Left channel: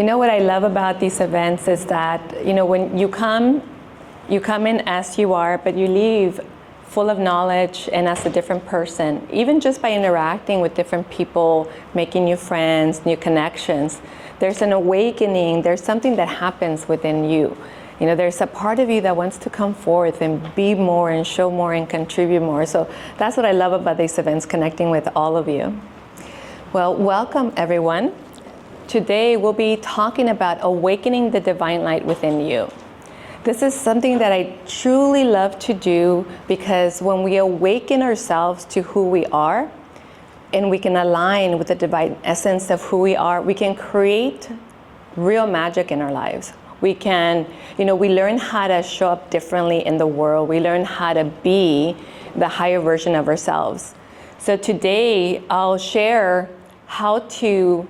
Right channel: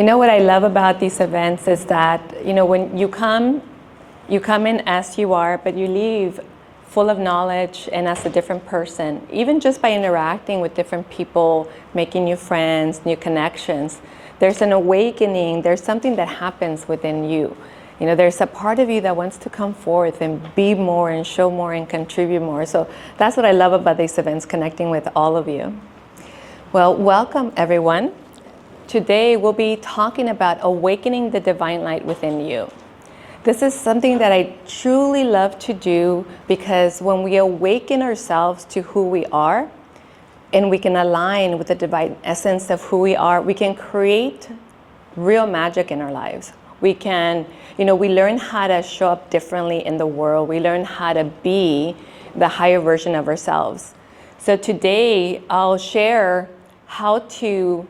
You know what I love about these events is that, when you come in as you are, but you leave full of knowledge and as a different person, even just by interacting with different people, making new friends, new connections. There's an awakening, there's something that happens within you. There's a part of you that wants to come forth and be more and show more and contribute more. So that's what I love about these events, connecting with all of you. Well, welcome everyone. Today we'll be talking about awakening the divine light within you. This is something that I truly love to do because when we awaken ourselves to who we are and we can align with the divine essence of who we are, we can create real magic in our lives. We can, we learn how to show up differently in the world. We learn how to be the higher version of ourselves. So today I'll share how to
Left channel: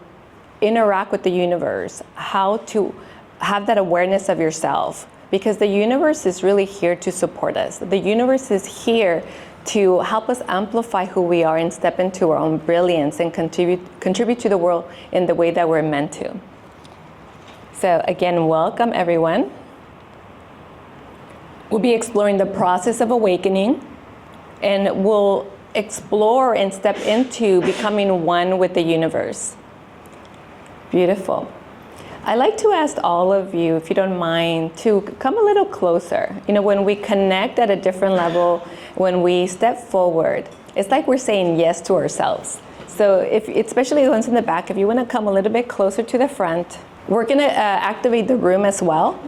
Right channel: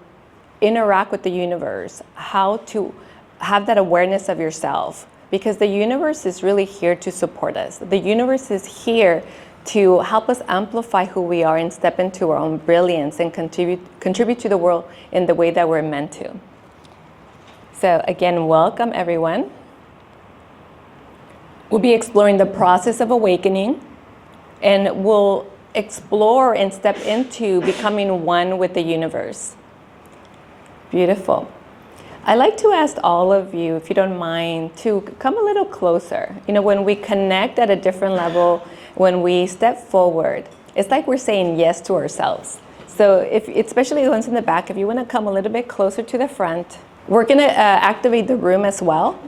interact with the universe, how to have that awareness of yourself, because the universe is really here to support us. The universe is here to help us amplify who we are and step into our own brilliance and contribute to the world in the way that we're meant to. So again, welcome everyone. We'll be exploring the process of awakening, and we'll explore and step into becoming one with the universe. Beautiful. I'd like to ask all of you, if you don't mind, to come a little closer. When we connect at a different level, when we step forward, it's like we're saying yes to ourselves. So especially the ones in the back, if you want to come a little bit closer to the front, we're going to activate the room as well.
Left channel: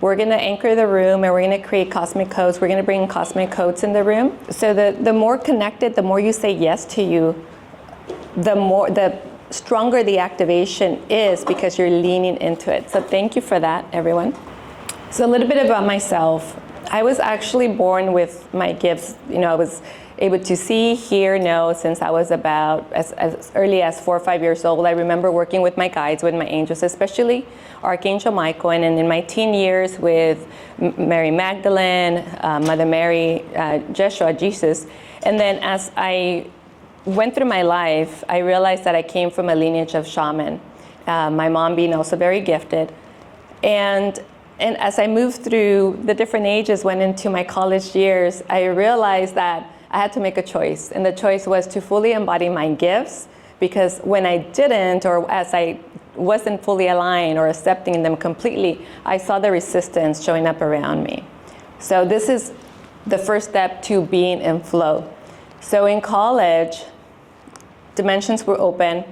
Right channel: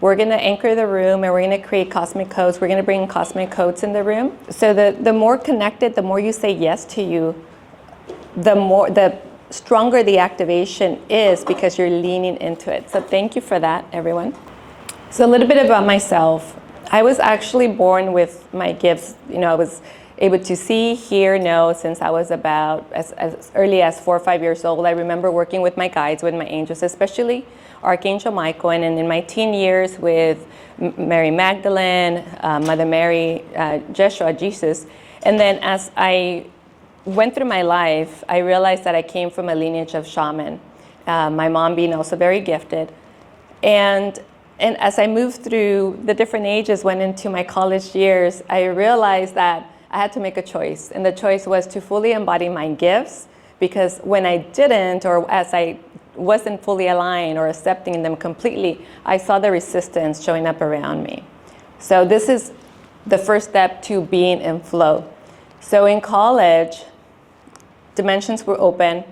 We're going to anchor the room and we're going to create cosmic codes. We're going to bring cosmic codes in the room. So the more connected, the more you say yes to you, the stronger the activation is because you're leaning into it. So thank you for that, everyone. So a little bit about myself. I was actually born with my gifts. I was able to see, hear, know since I was about as early as 4 or 5 years old. I remember working with my guides, with my angels, especially Archangel Michael, and in my teen years with Mary Magdalene, Mother Mary, Jeshua, Jesus. And then as I went through my life, I realized that I came from a lineage of shaman, my mom being also very gifted. And as I moved through the different ages, went into my college years, I realized that I had to make a choice. And the choice was to fully embody my gifts, because when I didn't, or as I wasn't fully aligned or accepting them completely, I saw the resistance showing up around me. So this is the first step to being in flow. So in college, dimensions were open.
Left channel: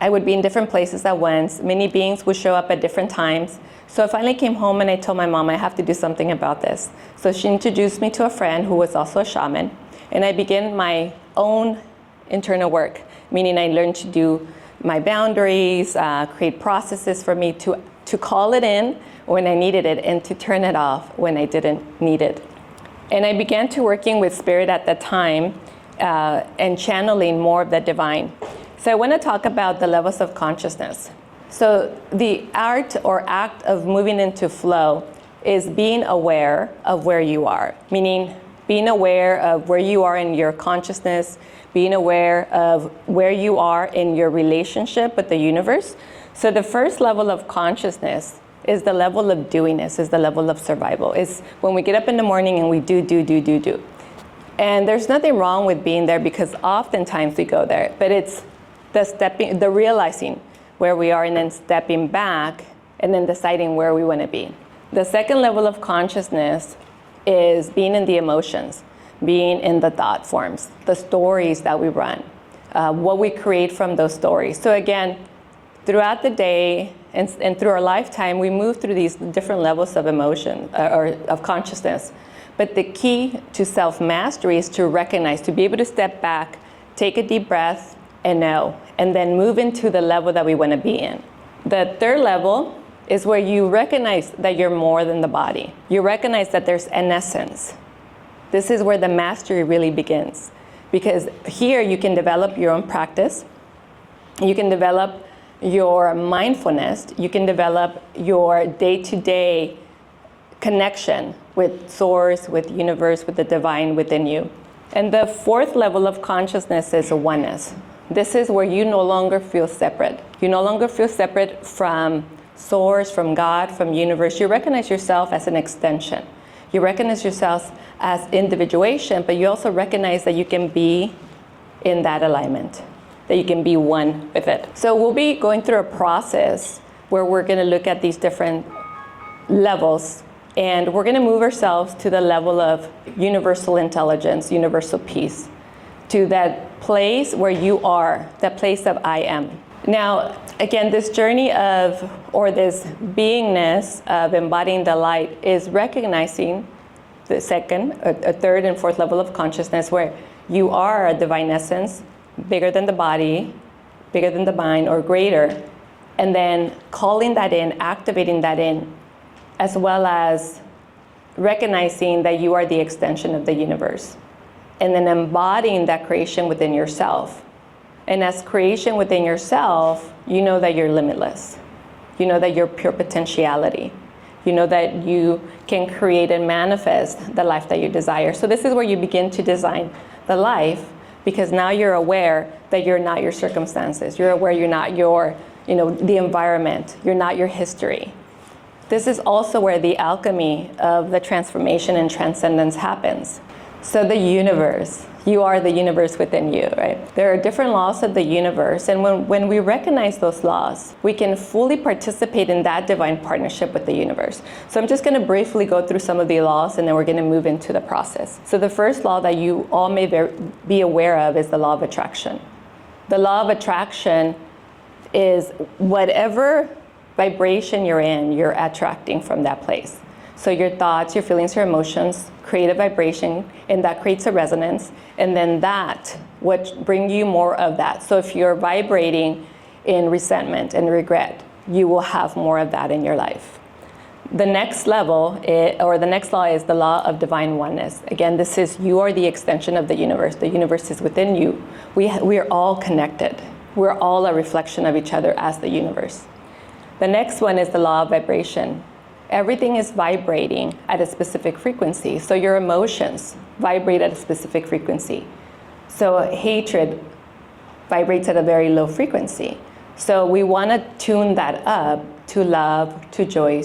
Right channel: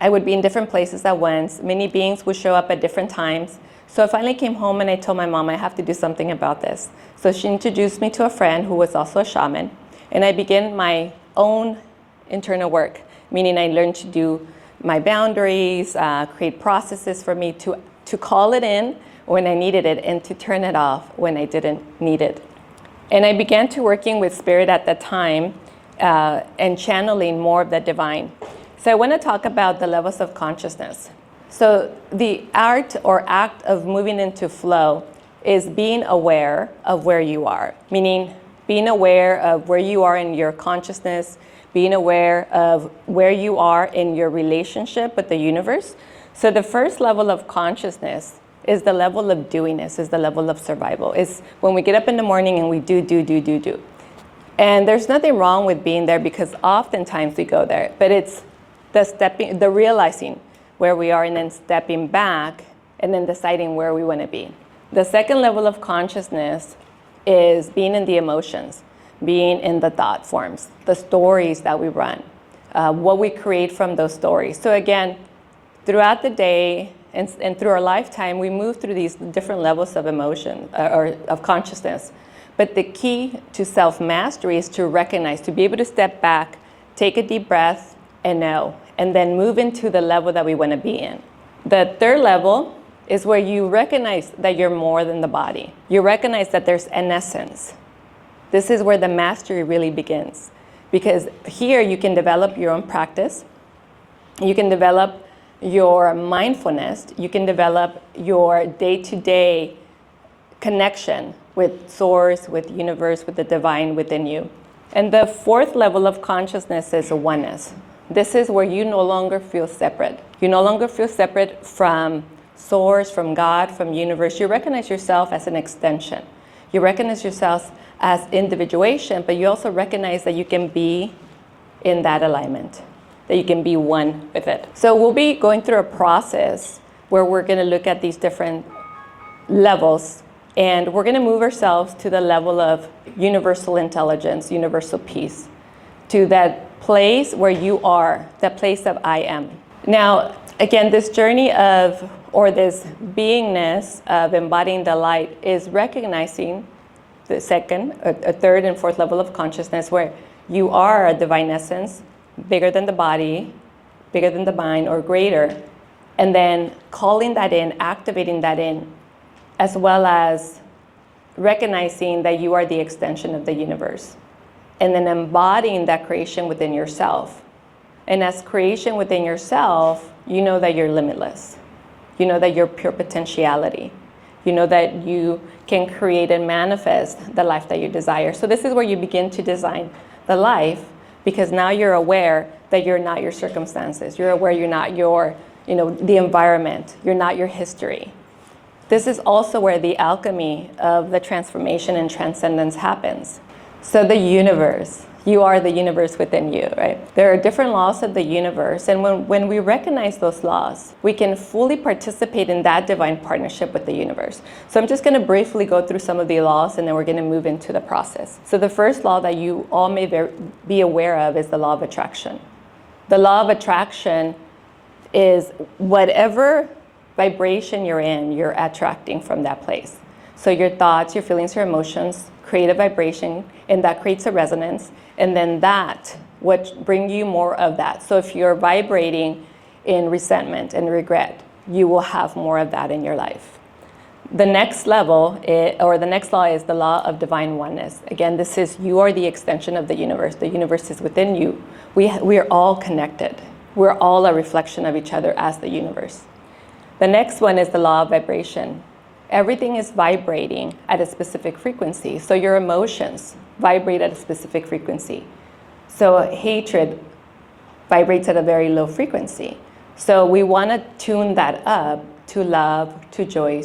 I would be in different places at once. Many beings would show up at different times. So I finally came home and I told my mom, I have to do something about this. So she introduced me to a friend who was also a shaman. And I began my own internal work, meaning I learned to do my boundaries, create processes for me to call it in when I needed it and to turn it off when I didn't need it. And I began to working with spirit at that time and channeling more of the divine. So I want to talk about the levels of consciousness. So the art or act of moving into flow is being aware of where you are, meaning being aware of where you are in your consciousness, being aware of where you are in your relationship with the universe. So the first level of consciousness is the level of doingness, is the level of survival. It's when we get up in the morning and we do. And there's nothing wrong with being there because oftentimes we go there, but it's the realizing where we are and then stepping back and then deciding where we want to be. The second level of consciousness is being in the emotions, being in the thought forms, the stories that we run, what we create from those stories. So again, throughout the day and through our lifetime, we move through these different levels of emotion or of consciousness. But the key to self-mastery is to recognize, to be able to step back, take a deep breath, and know, and then move into the level that we want to be in. The third level is where you recognize that you're more than the body. You recognize that there's an essence. This is where the mastery really begins, because here you can develop your own practice. You can develop your mindfulness. You can develop your day-to-day connection with source, with universe, with the divine within you. And the fourth level of consciousness is oneness. This is where you no longer feel separate. You no longer feel separate from source, from God, from universe. You recognize yourself as an extension. You recognize yourself as individuation, but you also recognize that you can be in that alignment, that you can be one with it. So we'll be going through a process where we're going to look at these different levels, and we're going to move ourselves to the level of universal intelligence, universal peace, to that place where you are, that place of I am. Now, again, this journey of, or this beingness of embodying the light is recognizing the second, a third and fourth level of consciousness where you are a divine essence, bigger than the body, bigger than the mind, or greater, and then calling that in, activating that in, as well as recognizing that you are the extension of the universe, and then embodying that creation within yourself. And as creation within yourself, you know that you're limitless. You know that you're pure potentiality. You know that you can create and manifest the life that you desire. So this is where you begin to design the life, because now you're aware that you're not your circumstances. You're aware you're not your, the environment. You're not your history. This is also where the alchemy of the transformation and transcendence happens. So the universe, you are the universe within you, right? There are different laws of the universe, and when we recognize those laws, we can fully participate in that divine partnership with the universe. So I'm just going to briefly go through some of the laws, and then we're going to move into the process. So the first law that you all may be aware of is the law of attraction. The law of attraction is whatever vibration you're in, you're attracting from that place. So your thoughts, your feelings, your emotions create a vibration, and that creates a resonance, and then that would bring you more of that. So if you're vibrating in resentment and regret, you will have more of that in your life. The next level, the next law is the law of divine oneness. Again, this is you are the extension of the universe. The universe is within you. We are all connected. We're all a reflection of each other as the universe. The next one is the law of vibration. Everything is vibrating at a specific frequency. So your emotions vibrate at a specific frequency. So hatred vibrates at a very low frequency. So we want to tune that up to love, to joy,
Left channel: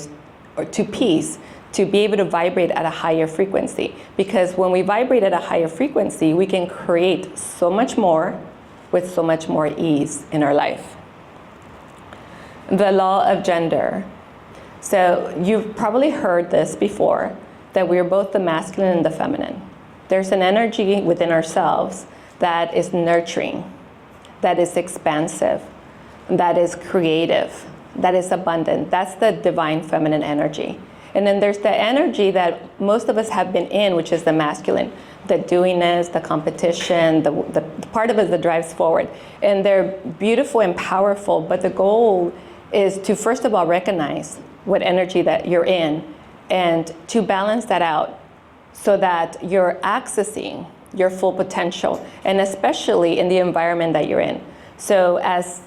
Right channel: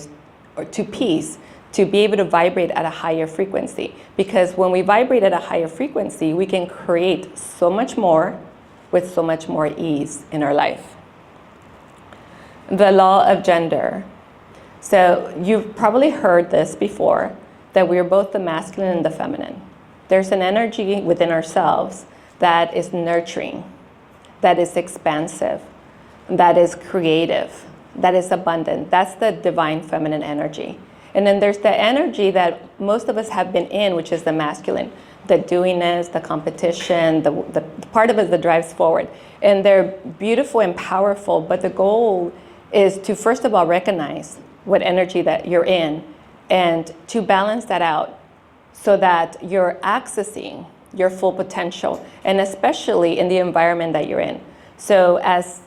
or to peace, to be able to vibrate at a higher frequency. Because when we vibrate at a higher frequency, we can create so much more with so much more ease in our life. The law of gender. So you've probably heard this before, that we're both the masculine and the feminine. There's an energy within ourselves that is nurturing, that is expansive, that is creative, that is abundant. That's the divine feminine energy. And then there's the energy that most of us have been in, which is the masculine, the doingness, the competition, the part of us that drives forward. And they're beautiful and powerful, but the goal is to first of all recognize what energy that you're in, and to balance that out so that you're accessing your full potential, and especially in the environment that you're in. So as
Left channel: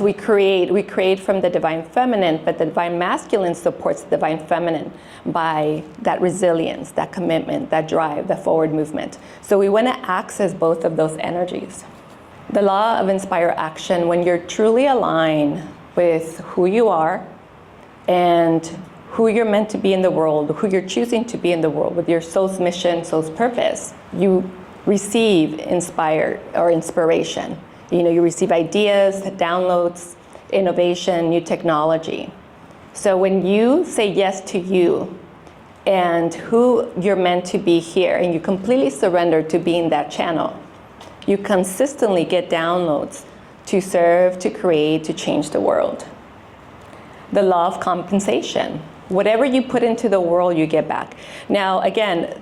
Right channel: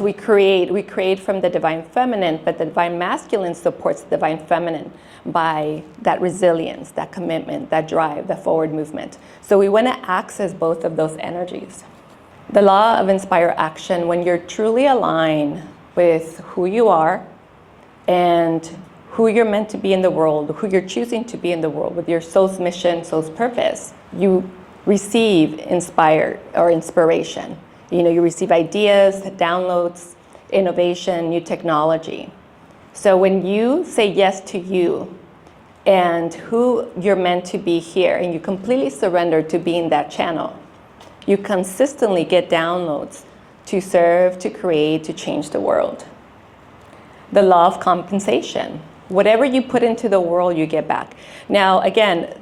we create from the divine feminine, but the divine masculine supports the divine feminine by that resilience, that commitment, that drive, that forward movement. So we want to access both of those energies. The law of inspire action, when you're truly aligned with who you are, and who you're meant to be in the world, who you're choosing to be in the world, with your soul's mission, soul's purpose, you receive inspiration. You receive ideas, downloads, innovation, new technology. So when you say yes to you and who you're meant to be here, and you completely surrender to being that channel, you consistently get downloads to serve, to create, to change the world. The law of compensation. Whatever you put into the world, you get back. Now, again,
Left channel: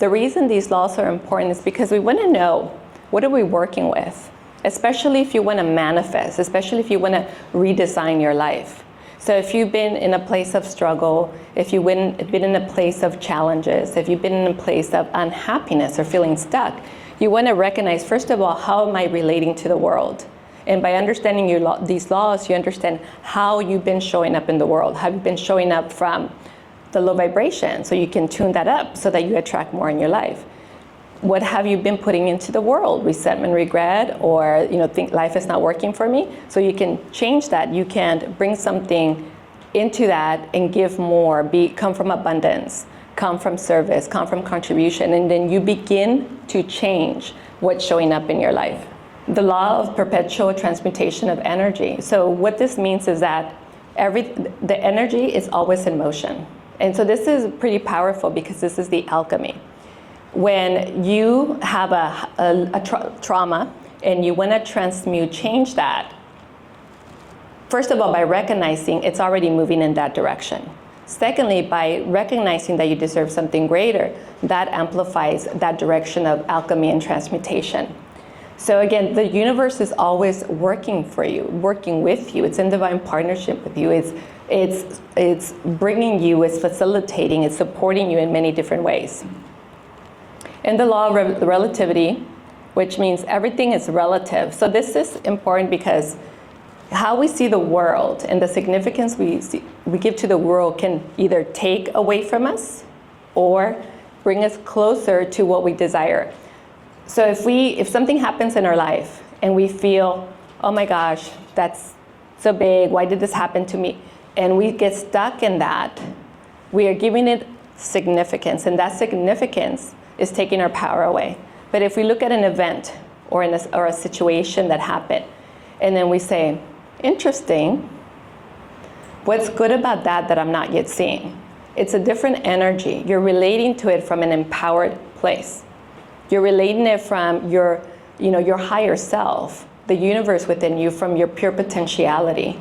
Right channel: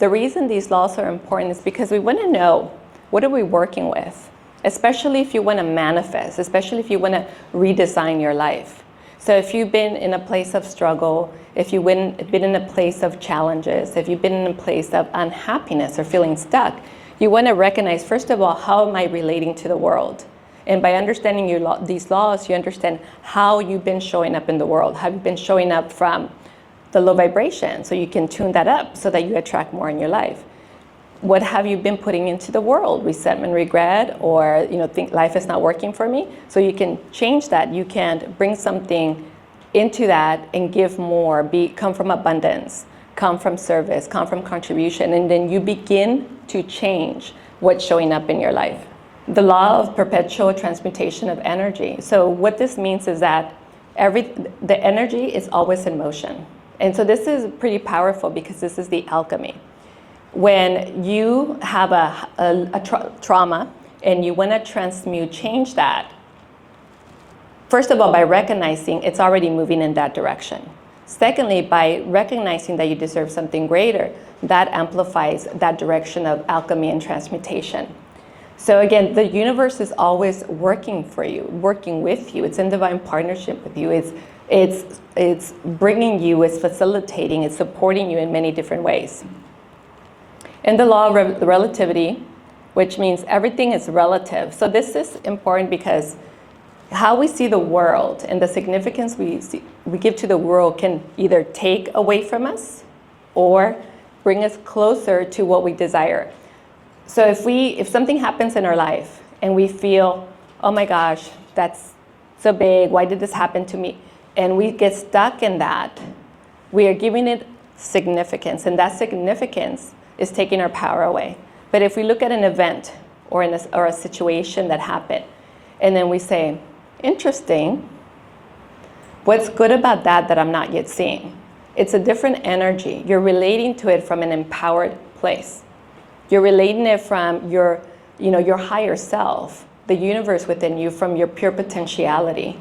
the reason these laws are important is because we want to know, what are we working with? Especially if you want to manifest, especially if you want to redesign your life. So if you've been in a place of struggle, if you've been in a place of challenges, if you've been in a place of unhappiness or feeling stuck, you want to recognize, first of all, how am I relating to the world? And by understanding these laws, you understand how you've been showing up in the world, how you've been showing up from the low vibration, so you can tune that up so that you attract more in your life. what have you been putting into the world? Resentment, regret, or think life is not working for me. So you can change that. You can bring something into that and give more. Come from abundance, come from service, come from contribution, and then you begin to change what's showing up in your life. The law of perpetual transmutation of energy. So what this means is that the energy is always in motion. And so this is pretty powerful because this is the alchemy. When you have a trauma and you want to transmute, change that, first of all, by recognizing it's already moving in that direction. Secondly, by recognizing that you deserve something greater, that amplifies that direction of alchemy and transmutation. So again, the universe is always working for you, working with you. It's in divine partnership with you. It's bringing you, it's facilitating, it's supporting you in many different ways. And the law of relativity, which means everything is relative. So this is important because how we see the world and the significance we give to the world can either take away from us or bring us closer to what we desire. So if something happens in our life and we feel, oh my gosh, that's so big, why did this happen to me? And we get stuck in that, we are giving it significance, and that significance is taking our power away. But if we look at an event or a situation that happened, and then we say, interesting, what's good about that I'm not yet seeing? It's a different energy. You're relating to it from an empowered place. You're relating it from your higher self, the universe within you, from your pure potentiality.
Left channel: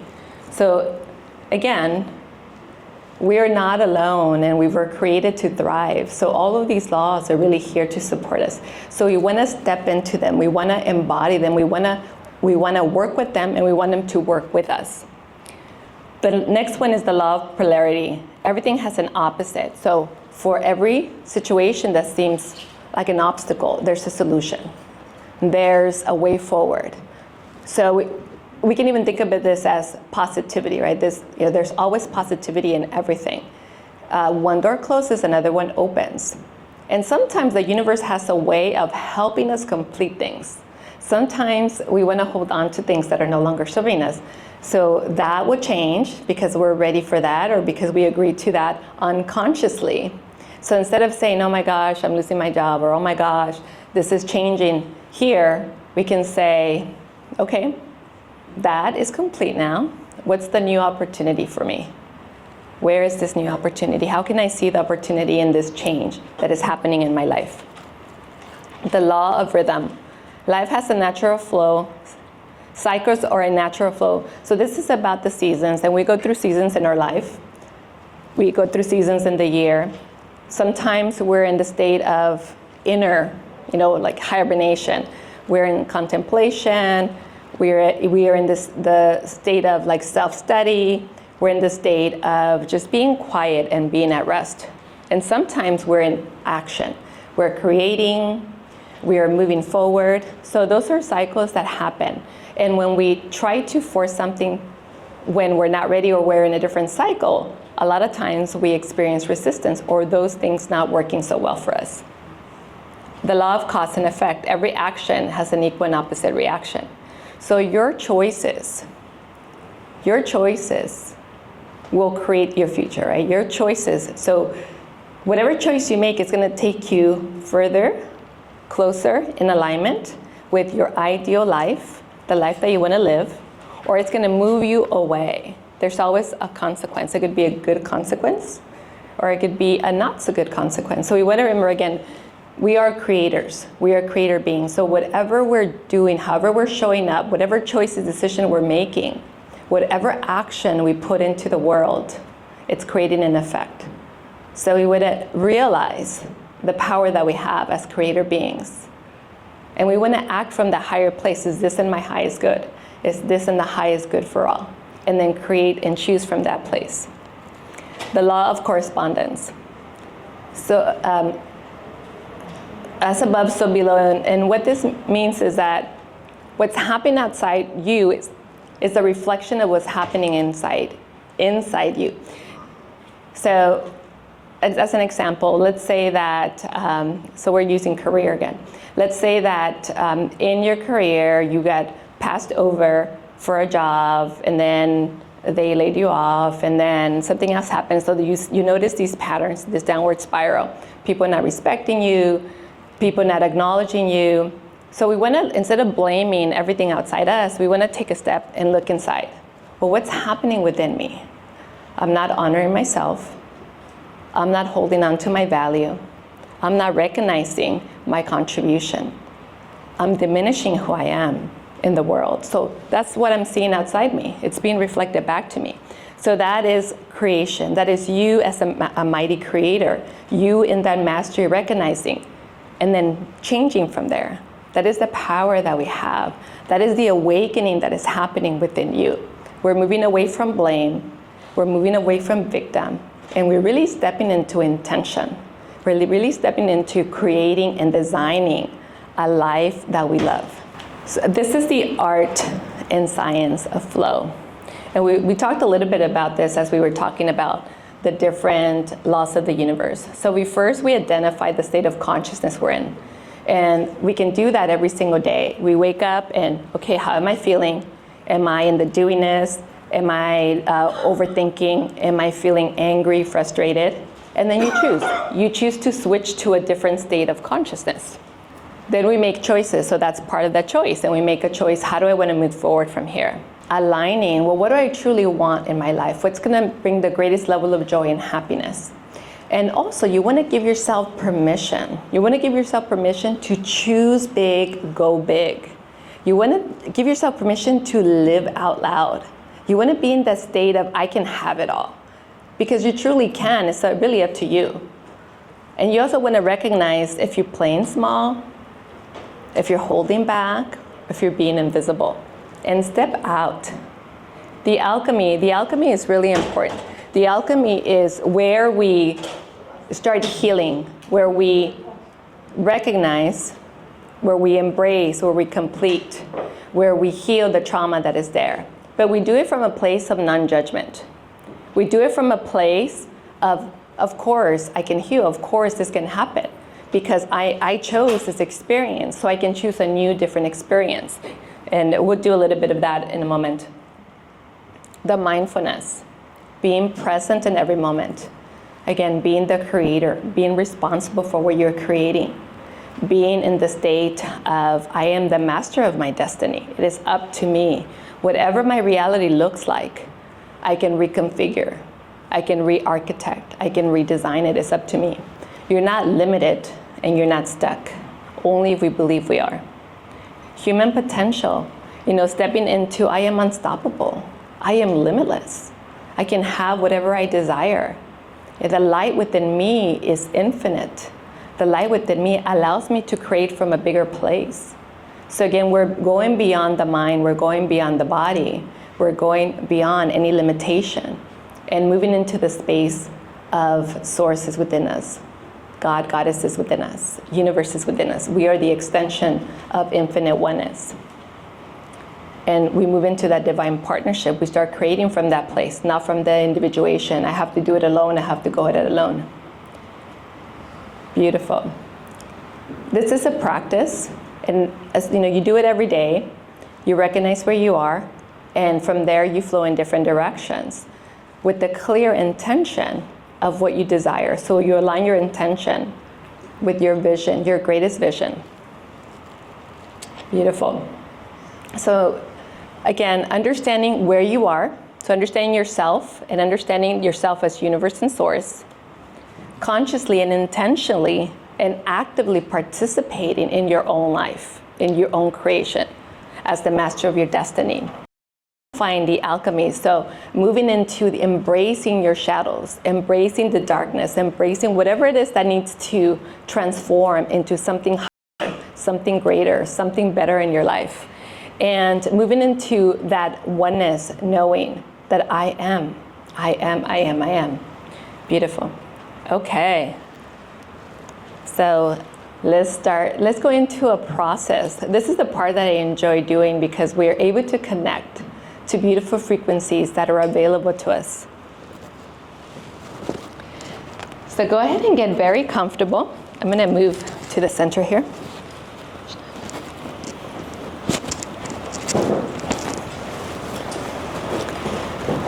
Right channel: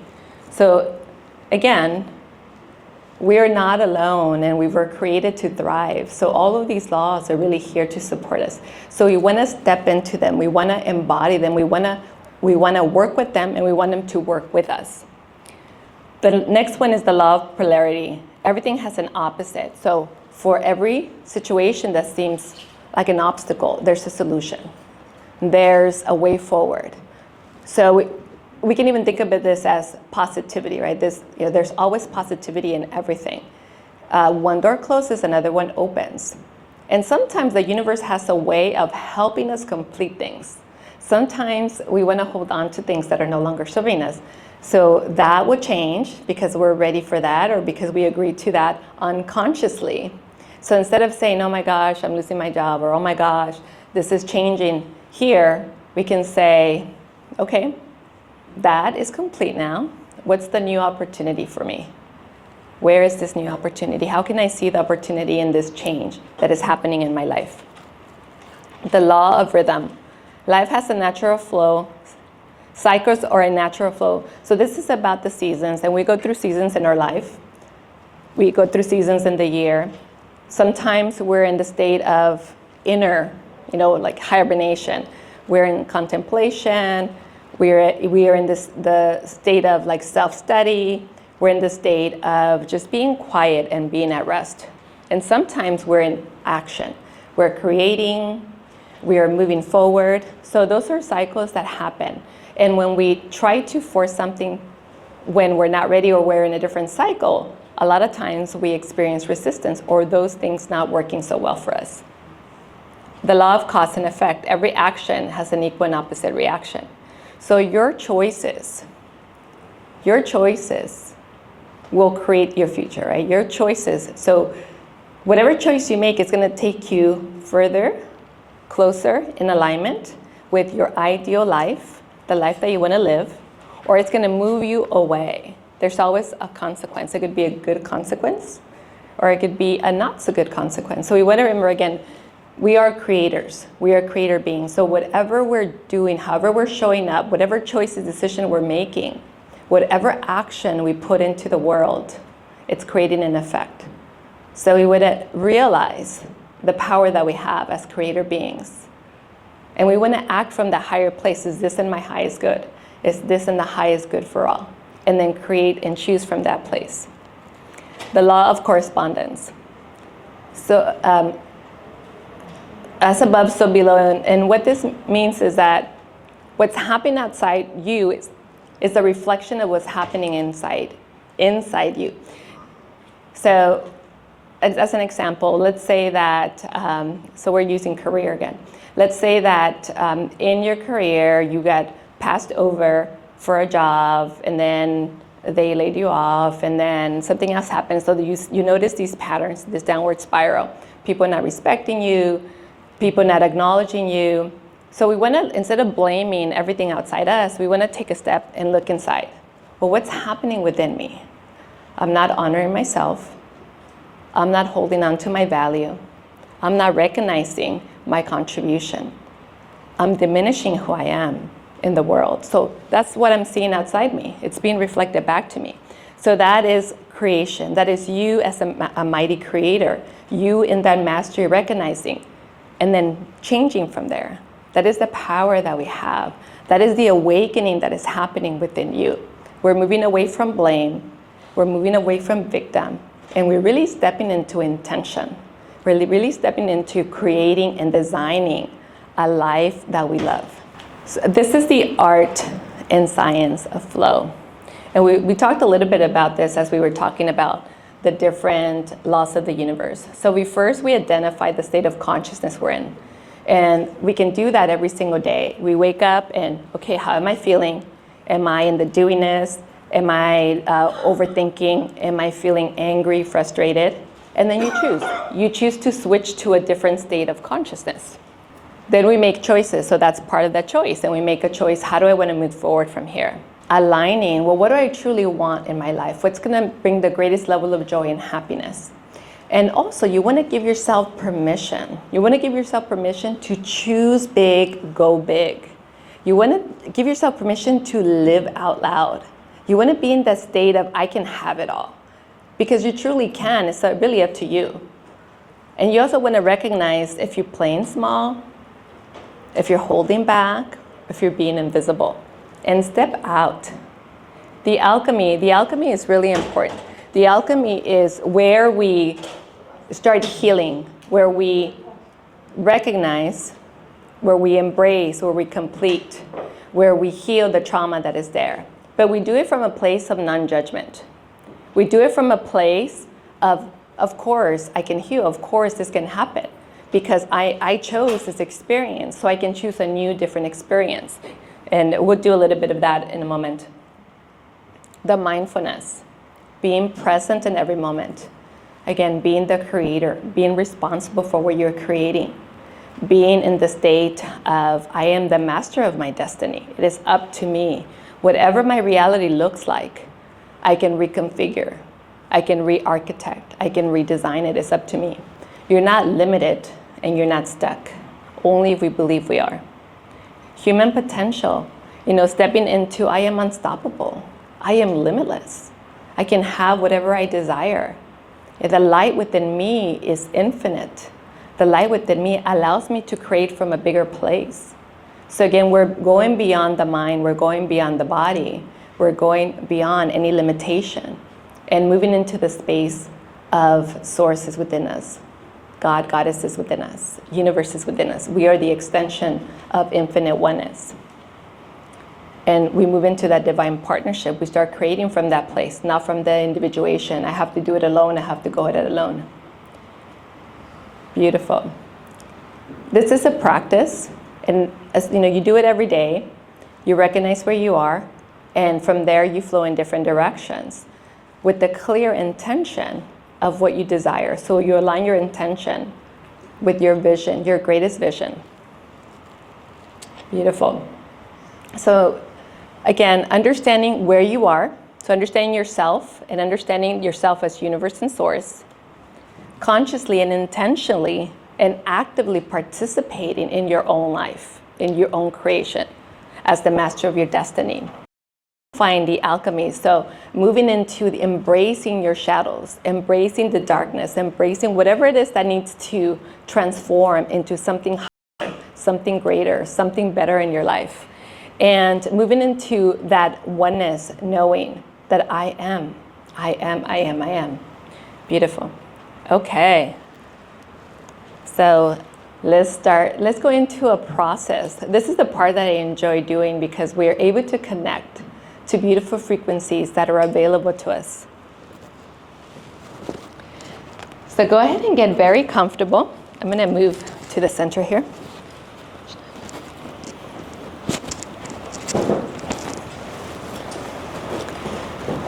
So again, we are not alone, and we were created to thrive. So all of these laws are really here to support us. So we want to step into them. We want to embody them. We want to work with them, and we want them to work with us. The next one is the law of polarity. Everything has an opposite. So for every situation that seems like an obstacle, there's a solution. There's a way forward. So we can even think of this as positivity, right? There's always positivity in everything. One door closes, another one opens. And sometimes the universe has a way of helping us complete things. Sometimes we want to hold on to things that are no longer serving us. So that will change because we're ready for that, or because we agreed to that unconsciously. So instead of saying, oh my gosh, I'm losing my job, or oh my gosh, this is changing here, we can say, okay, that is complete now. What's the new opportunity for me? Where is this new opportunity? How can I see the opportunity in this change that is happening in my life? The law of rhythm. Life has a natural flow. Cycles are a natural flow. So this is about the seasons, and we go through seasons in our life. We go through seasons in the year. Sometimes we're in the state of inner, like hibernation. We're in contemplation. We are in the state of like self-study. We're in the state of just being quiet and being at rest. And sometimes we're in action. We're creating. We are moving forward. So those are cycles that happen. And when we try to force something when we're not ready, or we're in a different cycle, a lot of times we experience resistance, or those things not working so well for us. The law of cause and effect. Every action has an equal and opposite reaction. So your choices will create your future, right? Your choices. So whatever choice you make is going to take you further, closer in alignment with your ideal life, the life that you want to live, or it's going to move you away. There's always a consequence. It could be a good consequence, or it could be a not so good consequence. So we want to remember, again, we are creators. We are creator beings. So whatever we're doing, however we're showing up, whatever choices, decision we're making, whatever action we put into the world, it's creating an effect. So we would realize the power that we have as creator beings. And we want to act from the higher place. Is this in my highest good? Is this in the highest good for all? And then create and choose from that place. The law of correspondence. So as above, so below. And what this means is that what's happening outside you is a reflection of what's happening inside you. So as an example, let's say that, so we're using career again. Let's say that in your career, you got passed over for a job, and then they laid you off, and then something else happens. So you notice these patterns, this downward spiral. People not respecting you, people not acknowledging you. So we want to, instead of blaming everything outside us, we want to take a step and look inside. Well, what's happening within me? I'm not honoring myself. I'm not holding on to my value. I'm not recognizing my contribution. I'm diminishing who I am in the world. So that's what I'm seeing outside me. It's being reflected back to me. So that is creation. That is you as a mighty creator. You in that mastery recognizing and then changing from there. That is the power that we have. That is the awakening that is happening within you. We're moving away from blame. We're moving away from victim. And we're really stepping into intention. We're really stepping into creating and designing a life that we love. So this is the art and science of flow. And we talked a little bit about this as we were talking about the different laws of the universe. So we identify the state of consciousness we're in. And we can do that every single day. We wake up and, okay, how am I feeling? Am I in the doingness? Am I overthinking? Am I feeling angry, frustrated? And then you choose. You choose to switch to a different state of consciousness. Then we make choices. So that's part of that choice. And we make a choice. How do I want to move forward from here? Aligning, well, what do I truly want in my life? What's going to bring the greatest level of joy and happiness? And also, you want to give yourself permission. You want to give yourself permission to choose big, go big. You want to give yourself permission to live out loud. You want to be in that state of, I can have it all. Because you truly can. It's really up to you. And you also want to recognize if you're playing small, if you're holding back, if you're being invisible. And step out. The alchemy is really important. The alchemy is where we start healing, where we recognize, where we embrace, where we complete, where we heal the trauma that is there. But we do it from a place of non-judgment. We do it from a place of course, I can heal. Of course, this can happen. Because I chose this experience, so I can choose a new, different experience. And we'll do a little bit of that in a moment. The mindfulness, being present in every moment. Again, being the creator, being responsible for what you're creating. Being in the state of, I am the master of my destiny. It is up to me. Whatever my reality looks like, I can reconfigure. I can re-architect. I can redesign it. It's up to me. You're not limited and you're not stuck. Only if we believe we are. Human potential, stepping into, I am unstoppable. I am limitless. I can have whatever I desire. The light within me is infinite. The light within me allows me to create from a bigger place. So again, we're going beyond the mind, we're going beyond the body, we're going beyond any limitation and moving into the space of sources within us. God, Goddess is within us. Universe is within us. We are the extension of infinite oneness. And we move into that divine partnership. We start creating from that place, not from the individuation. I have to do it alone. I have to go at it alone. Beautiful. This is a practice. And as you do it every day. You recognize where you are. And from there, you flow in different directions with the clear intention of what you desire. So you align your intention with your vision, your greatest vision. Beautiful. So again, understanding where you are, so understanding yourself and understanding yourself as universe and source, consciously and intentionally and actively participating in your own life, in your own creation as the master of your destiny. Find the alchemy. So moving into embracing your shadows, embracing the darkness, embracing whatever it is that needs to transform into something higher, something greater, something better in your life. And moving into that oneness, knowing that I am. Beautiful. Okay. So let's go into a process. This is the part that I enjoy doing because we are able to connect to beautiful frequencies that are available to us. So go ahead and get very comfortable. I'm going to move to the center here.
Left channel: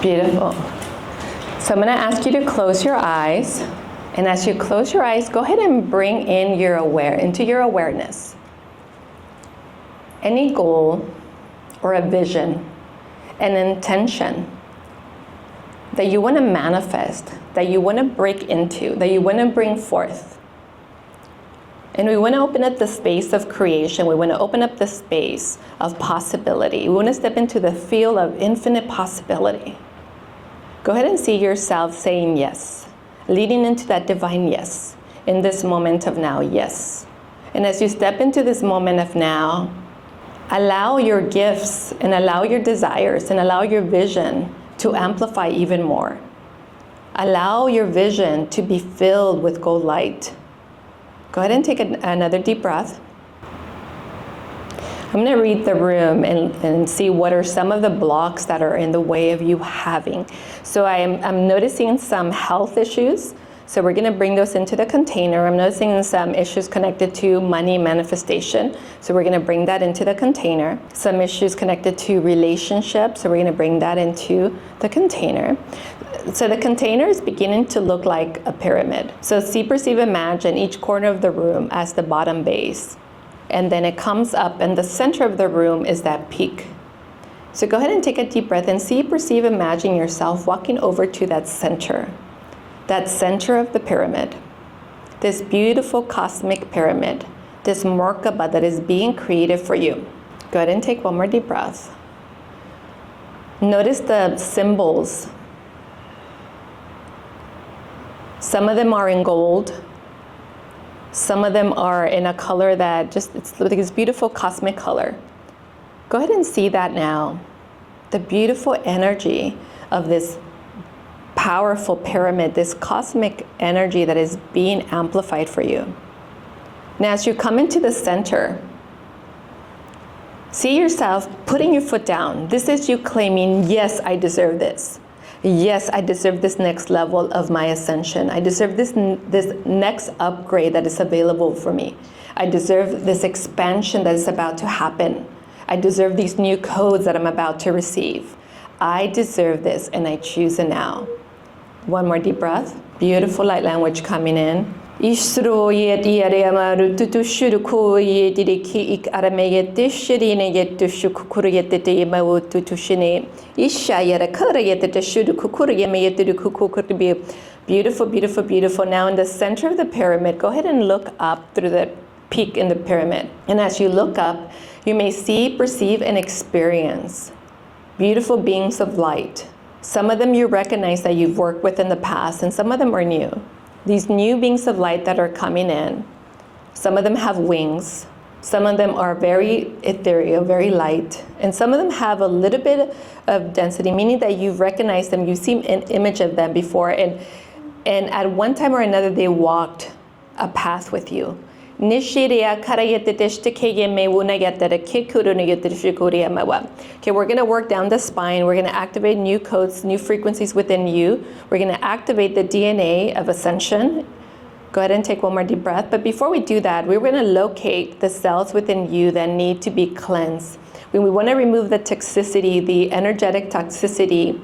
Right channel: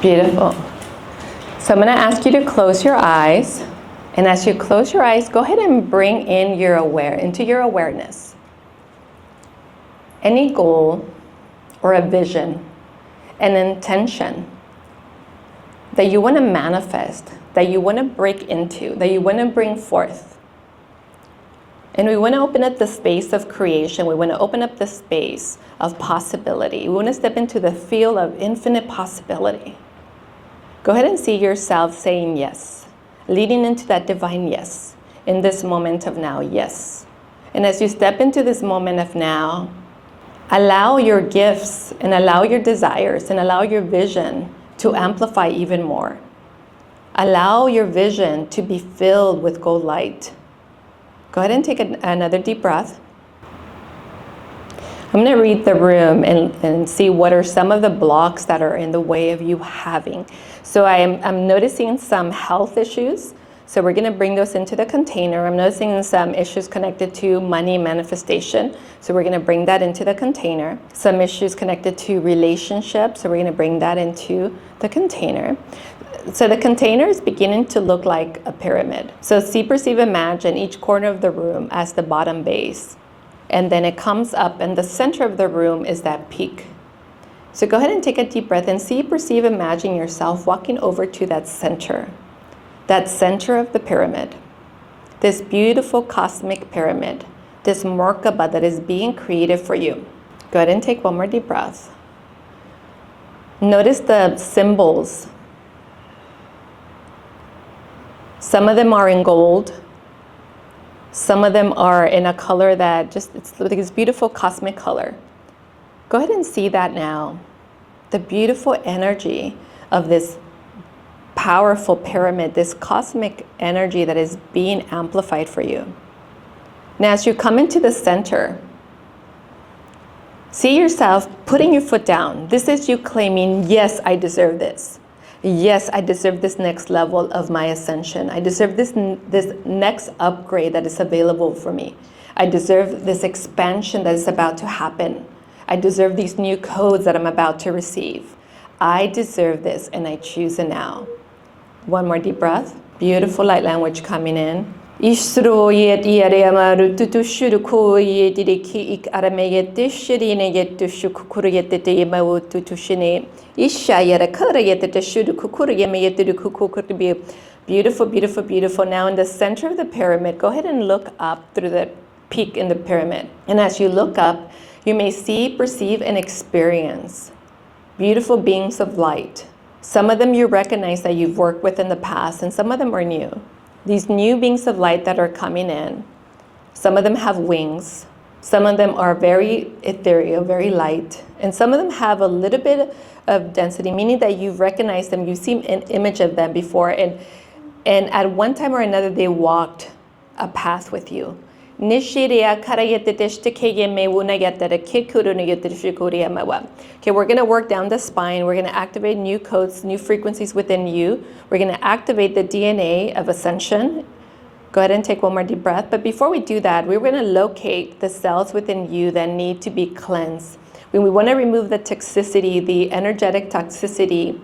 Beautiful. So I'm going to ask you to close your eyes. And as you close your eyes, go ahead and bring in into your awareness any goal or a vision, an intention that you want to manifest, that you want to break into, that you want to bring forth. And we want to open up the space of creation. We want to open up the space of possibility. We want to step into the field of infinite possibility. Go ahead and see yourself saying yes, leading into that divine yes, in this moment of now, yes. And as you step into this moment of now, allow your gifts and allow your desires and allow your vision to amplify even more. Allow your vision to be filled with gold light. Go ahead and take another deep breath. I'm going to read the room and see what are some of the blocks that are in the way of you having. So I'm noticing some health issues. So we're going to bring those into the container. I'm noticing some issues connected to money manifestation. So we're going to bring that into the container. Some issues connected to relationships. So we're going to bring that into the container. So the container is beginning to look like a pyramid. So see, perceive, imagine each corner of the room as the bottom base. And then it comes up, and the center of the room is that peak. So go ahead and take a deep breath and see, perceive, imagine yourself walking over to that center of the pyramid. This beautiful cosmic pyramid, this Merkaba that is being created for you. Go ahead and take one more deep breath. Notice the symbols. Some of them are in gold. Some of them are in a color that it's like this beautiful cosmic color. Go ahead and see that now. The beautiful energy of this powerful pyramid, this cosmic energy that is being amplified for you. Now, as you come into the center, see yourself putting your foot down. This is you claiming, yes, I deserve this. Yes, I deserve this next level of my ascension. I deserve this next upgrade that is available for me. I deserve this expansion that is about to happen. I deserve these new codes that I'm about to receive. I deserve this, and I choose it now. One more deep breath. Beautiful light language coming in. Isro yet yaramaru tutushuru yet ik arameyet shirine yet to shukuru yet the yamawu tutushine. Isha yarakara yet the shudu kukuru yamayet to kukur be beautiful, beautiful, beautiful. Now in the center of the pyramid, go ahead and look up through the peak in the pyramid. And as you look up, you may see, perceive, and experience beautiful beings of light. Some of them you recognize that you've worked with in the past, and some of them are new. These new beings of light that are coming in, some of them have wings, some of them are very ethereal, very light, and some of them have a little bit of density, meaning that you've recognized them, you've seen an image of them before, and at one time or another they walked a path with you. Okay, we're going to work down the spine. We're going to activate new codes, new frequencies within you. We're going to activate the DNA of ascension. Go ahead and take one more deep breath. But before we do that, we're going to locate the cells within you that need to be cleansed. When we want to remove the toxicity, the energetic toxicity,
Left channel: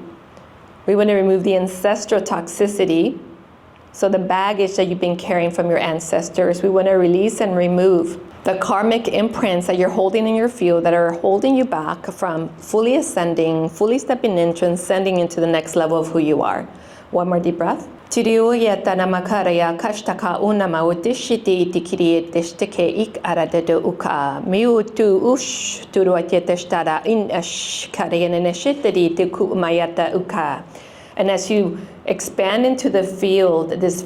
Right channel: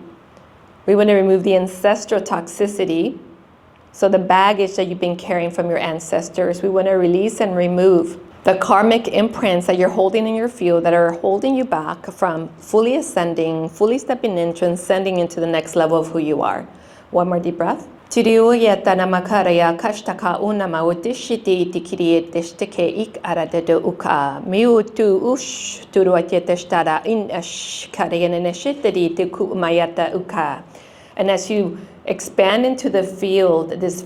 we want to remove the ancestral toxicity. So the baggage that you've been carrying from your ancestors, we want to release and remove the karmic imprints that you're holding in your field that are holding you back from fully ascending, fully stepping in, transcending into the next level of who you are. One more deep breath. And as you expand into the field, this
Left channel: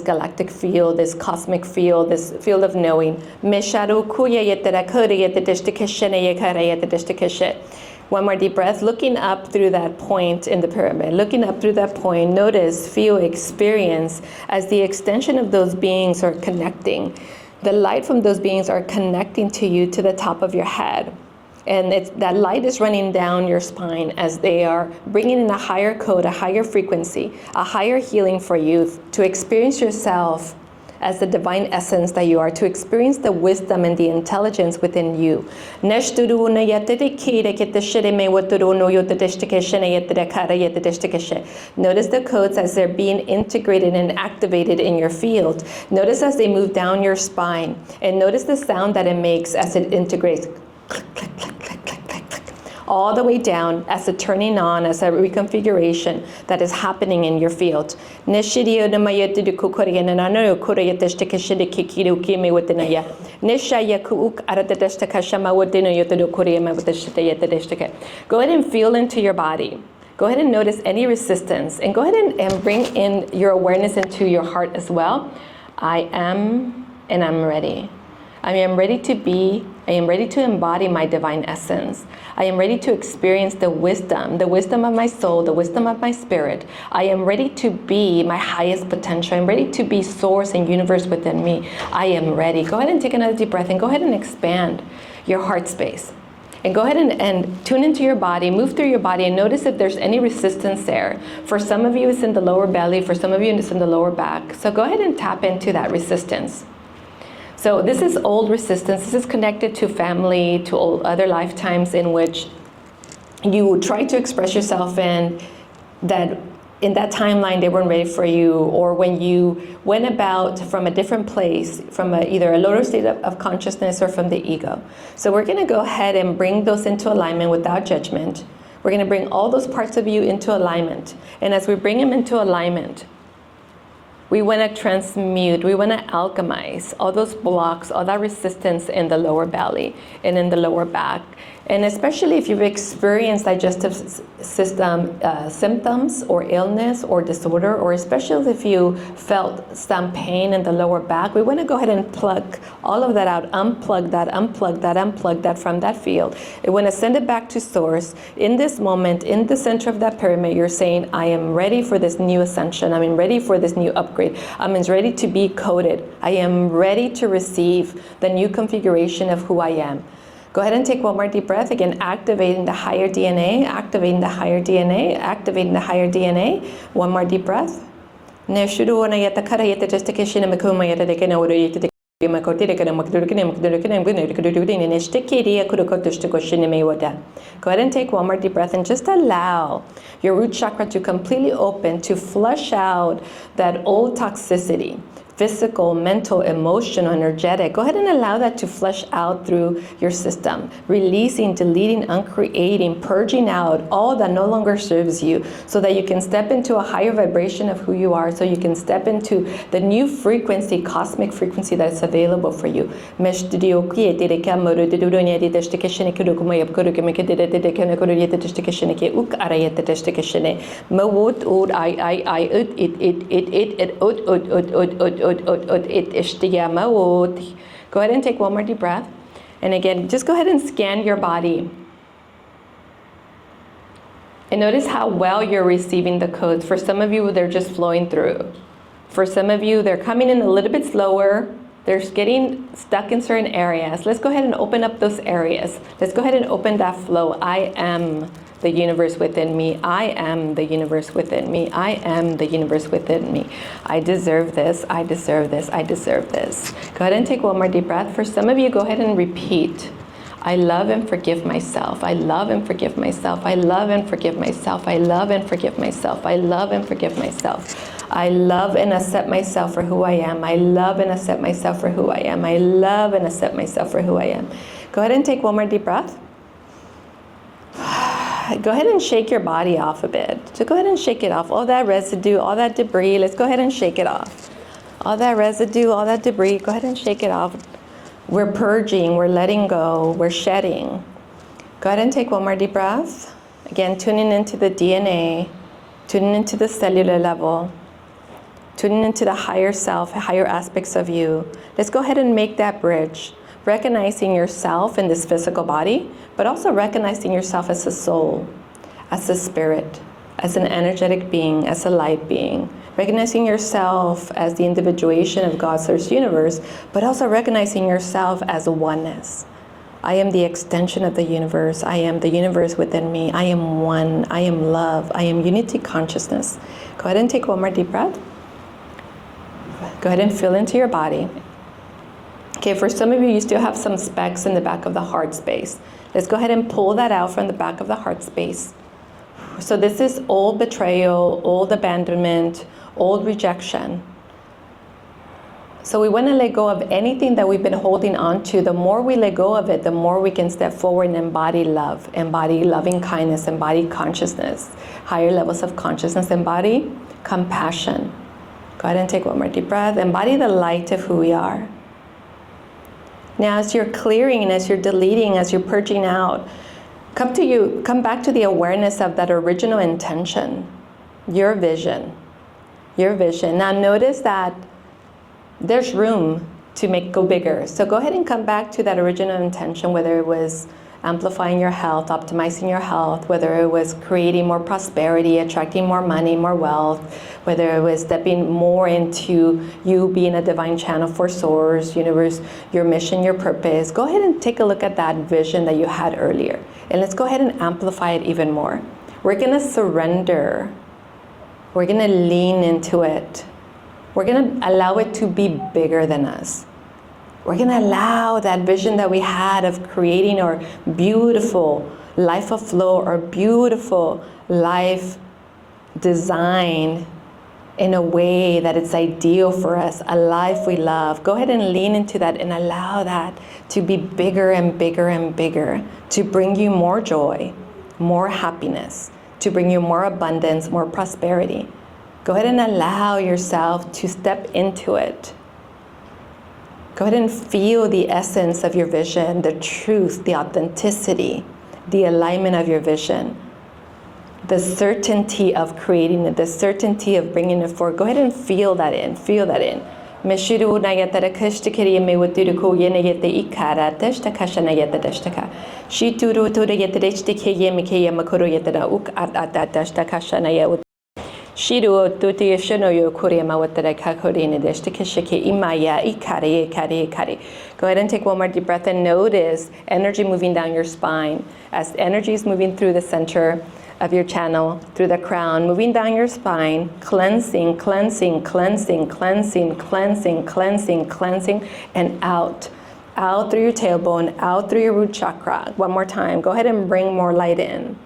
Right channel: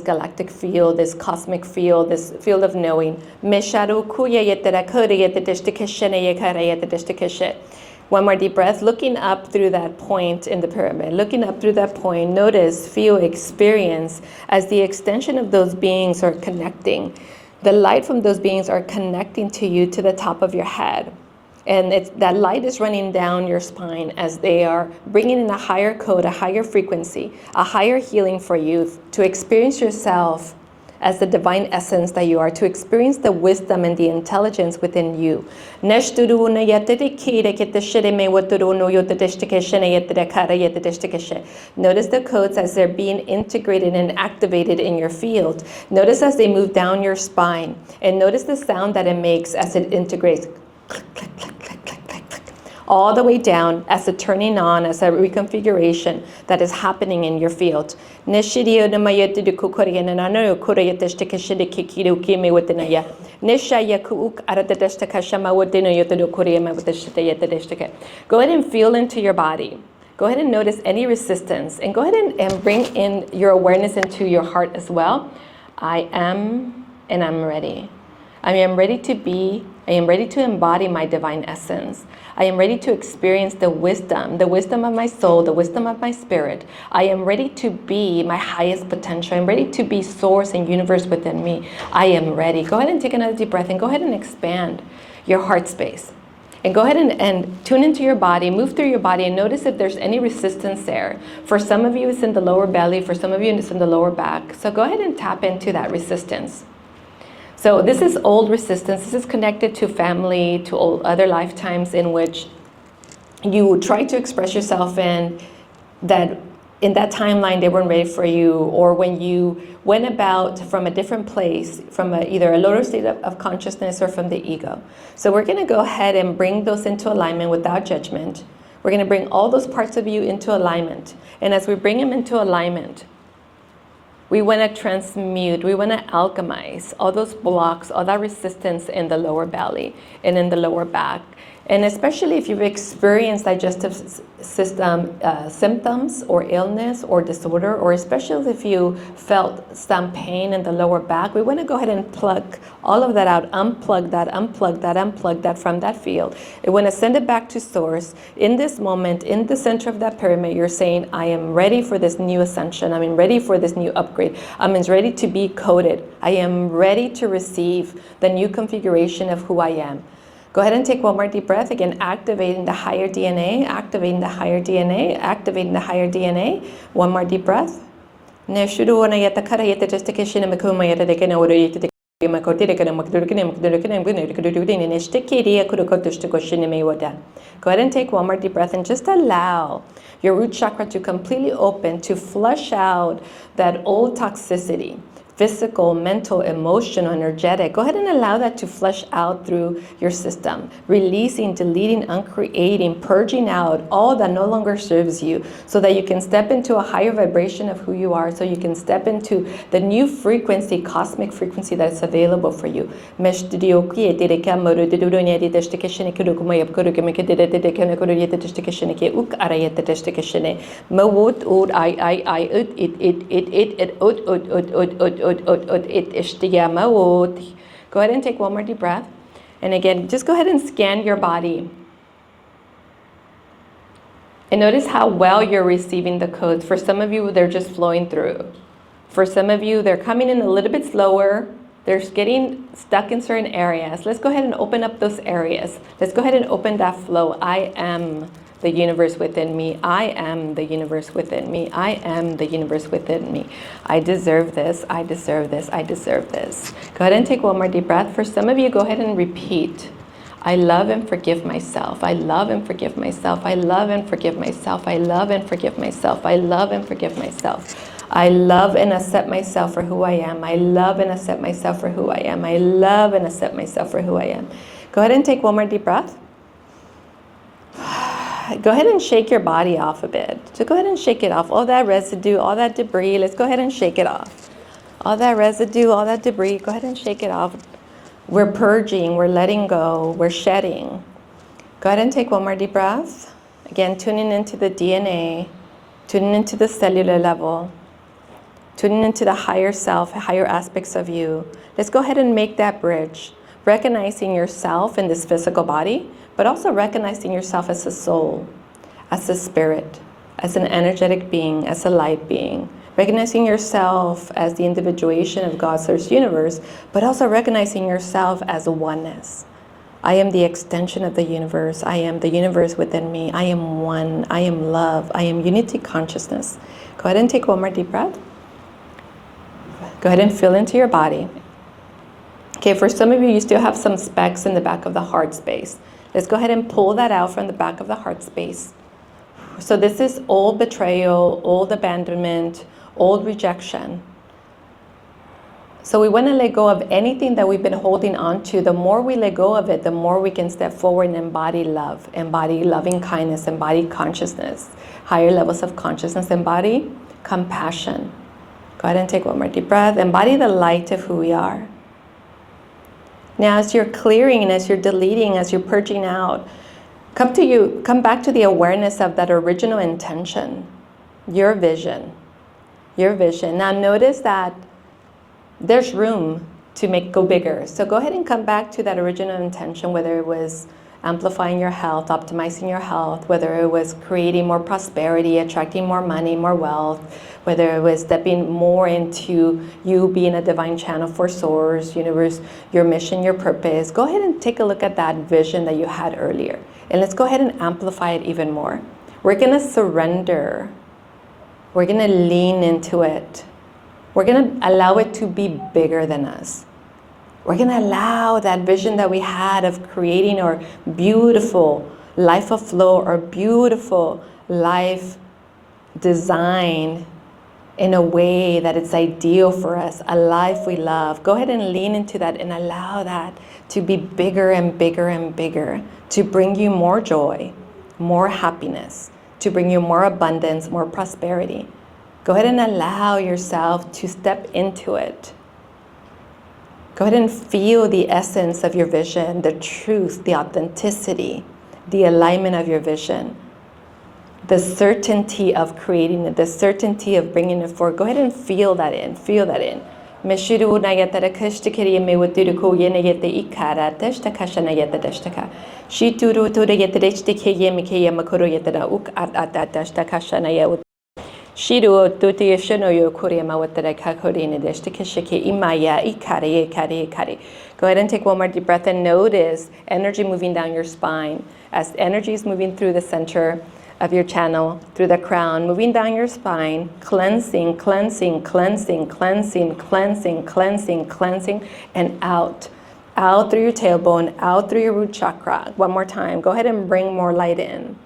galactic field, this cosmic field, this field of knowing. One more deep breath, looking up through that point in the pyramid, looking up through that point, notice, feel, experience as the extension of those beings are connecting. The light from those beings are connecting to you to the top of your head. And that light is running down your spine as they are bringing in a higher code, a higher frequency, a higher healing for you to experience yourself as the divine essence that you are, to experience the wisdom and the intelligence within you. Notice the codes as they're being integrated and activated in your field. Notice as they move down your spine, and notice the sound that it makes as it integrates. Click, click, click, click, click, click, click. All the way down as a turning on, as a reconfiguration that is happening in your field. Go ahead and feel into your body. Go ahead and notice any resistance, and go ahead and bring in your awareness into your heart as well. I am, and I'm ready. I am ready to be. I am ready to embody my divine essence. I am ready to experience the wisdom of my soul, the wisdom of my spirit. I am ready to be my highest potential. I'm ready to be source and universe within me. I am ready. Go ahead and take another deep breath and go ahead and expand your heart space. And go ahead and tune into your body, move through your body, and notice if there's any resistance there. For some of you, it's in the lower belly. For some of you, it's in the lower back. So go ahead and tap into that resistance. So this is old resistance. This is connected to family, to other lifetimes in which you tried to express yourself in that timeline they weren't ready for you, or when you went about from a different place, from either a lower state of consciousness or from the ego. So we're going to go ahead and bring those into alignment without judgment. We're going to bring all those parts of you into alignment. And as we bring them into alignment, we want to transmute, we want to alchemize all those blocks, all that resistance in the lower belly and in the lower back. And especially if you've experienced digestive system symptoms or illness or disorder, or especially if you felt some pain in the lower back, we want to go ahead and plug all of that out, unplug that from that field. We want to send it back to source. In this moment, in the center of that pyramid, you're saying, I am ready for this new ascension. I'm ready for this new upgrade. I'm ready to be coded. I am ready to receive the new configuration of who I am. Go ahead and take one more deep breath. Again, activating the higher DNA, activating the higher DNA, activating the higher DNA. One more deep breath. Go ahead and take one more deep breath and just allow your root chakra to completely open, to flush out that old toxicity, physical, mental, emotional, energetic. Go ahead and allow that to flush out through your system, releasing, deleting, uncreating, purging out all that no longer serves you, so that you can step into a higher vibration of who you are, so you can step into the new frequency, cosmic frequency that's available for you. Go ahead and take one more deep breath. And again, just go ahead and scan your body. And notice how well you're receiving the codes. For some of you, they're just flowing through. For some of you, they're coming in a little bit slower. They're getting stuck in certain areas. Let's go ahead and open up those areas. Let's go ahead and open that flow. I am the universe within me. I am the universe within me. I am the universe within me. I deserve this. I deserve this. I deserve this. Go ahead and take one more deep breath. For some of you, go ahead and repeat. I love and forgive myself. I love and forgive myself. I love and forgive myself. I love and forgive myself. I love and forgive myself. I love and accept myself for who I am. I love and accept myself for who I am. I love and accept myself for who I am. Go ahead and take one more deep breath. Go ahead and shake your body off a bit. So go ahead and shake it off. All that residue, all that debris, let's go ahead and shake it off. All that residue, all that debris, go ahead and shake it off. We're purging, we're letting go, we're shedding. Go ahead and take one more deep breath. Again, tuning into the DNA, tuning into the cellular level, tuning into the higher self, higher aspects of you. Let's go ahead and make that bridge, recognizing yourself in this physical body, but also recognizing yourself as a soul, as a spirit, as an energetic being, as a light being. Recognizing yourself as the individuation of God's source universe, but also recognizing yourself as a oneness, I am the extension of the universe. I am the universe within me. I am one. I am love. I am unity consciousness. Go ahead and take one more deep breath. Go ahead and feel into your body. Okay, for some of you, you still have some specks in the back of the heart space. Let's go ahead and pull that out from the back of the heart space. So this is old betrayal, old abandonment, old rejection. So we want to let go of anything that we've been holding on to. The more we let go of it, the more we can step forward and embody love, embody loving kindness, embody consciousness, higher levels of consciousness, embody compassion. Go ahead and take one more deep breath. Embody the light of who we are. Now, as you're clearing and as you're deleting, as you're purging out, come back to the awareness of that original intention, your vision, your vision. Now, notice that there's room to go bigger. So go ahead and come back to that original intention, whether it was amplifying your health, optimizing your health, whether it was creating more prosperity, attracting more money, more wealth, whether it was stepping more into you being a divine channel for source, universe, your mission, your purpose. Go ahead and take a look at that vision that you had earlier. And let's go ahead and amplify it even more. We're gonna surrender. We're gonna lean into it. We're gonna allow it to be bigger than us. We're going to allow that vision that we had of creating our beautiful life of flow, our beautiful life design in a way that it's ideal for us, a life we love. Go ahead and lean into that and allow that to be bigger and bigger and bigger, to bring you more joy, more happiness, to bring you more abundance, more prosperity. Go ahead and allow yourself to step into it. Go ahead and feel the essence of your vision, the truth, the authenticity, the alignment of your vision, the certainty of creating it, the certainty of bringing it forward. Go ahead and feel that in, feel that in. Meshiru nayatara kashtakiri mewatiruko yenayete ikara tastakashana yetadashtaka. Shituru tura yetadashtike yemike yamakuru yetara uk atastakashana yet. Shiru tuti shinoyo kuriyama watara kakorina deshtikishike imaya ikari. Go ahead and take one more deep breath and notice energy moving down your spine. As energy is moving through the center of your channel, through the crown, moving down your spine, cleansing, and out. Out through your tailbone, out through your root chakra. One more time. Go ahead and bring more light in.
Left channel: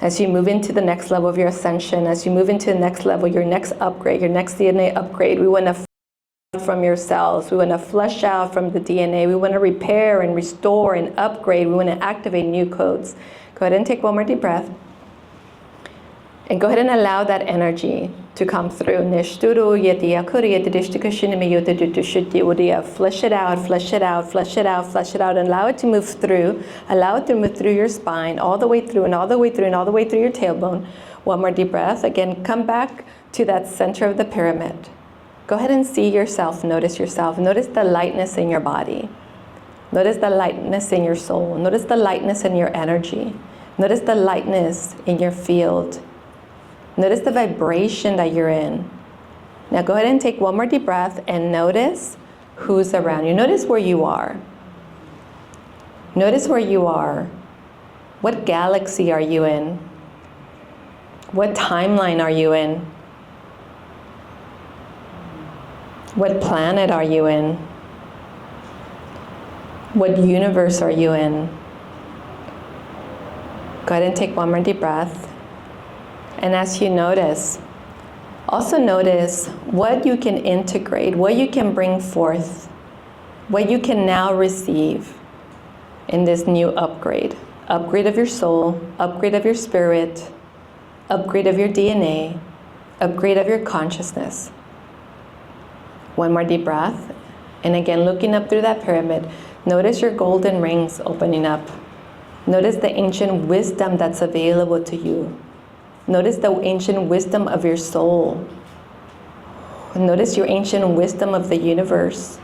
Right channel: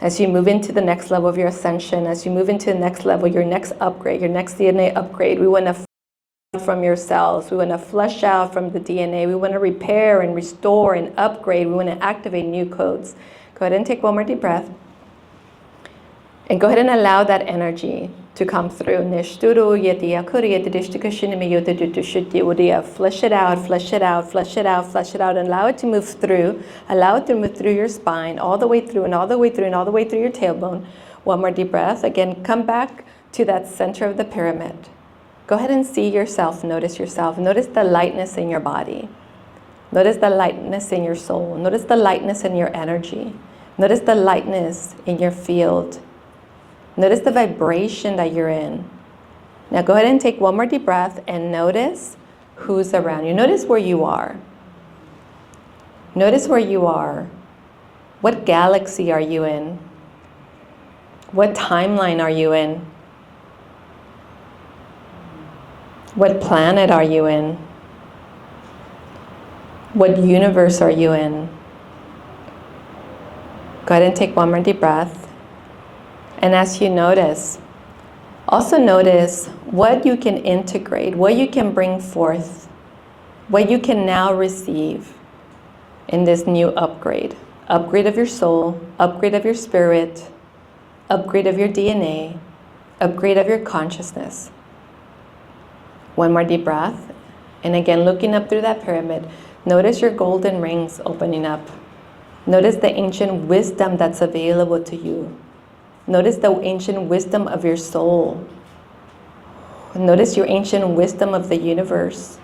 As you move into the next level of your ascension, as you move into the next level, your next upgrade, your next DNA upgrade, we want to from your cells. We want to flush out from the DNA. We want to repair and restore and upgrade. We want to activate new codes. Go ahead and take one more deep breath. And go ahead and allow that energy to come through. Flush it out, and allow it to move through. Allow it to move through your spine, all the way through and all the way through and all the way through your tailbone. One more deep breath. Again, come back to that center of the pyramid. Go ahead and see yourself, notice yourself. Notice the lightness in your body. Notice the lightness in your soul. Notice the lightness in your energy. Notice the lightness in your field. Notice the vibration that you're in. Now go ahead and take one more deep breath and notice who's around you. Notice where you are. Notice where you are. What galaxy are you in? What timeline are you in? What planet are you in? What universe are you in? Go ahead and take one more deep breath. And as you notice, also notice what you can integrate, what you can bring forth, what you can now receive in this new upgrade. Upgrade of your soul, upgrade of your spirit, upgrade of your DNA, upgrade of your consciousness. One more deep breath. And again, looking up through that pyramid, notice your golden rings opening up. Notice the ancient wisdom that's available to you. Notice the ancient wisdom of your soul. Notice your ancient wisdom of the universe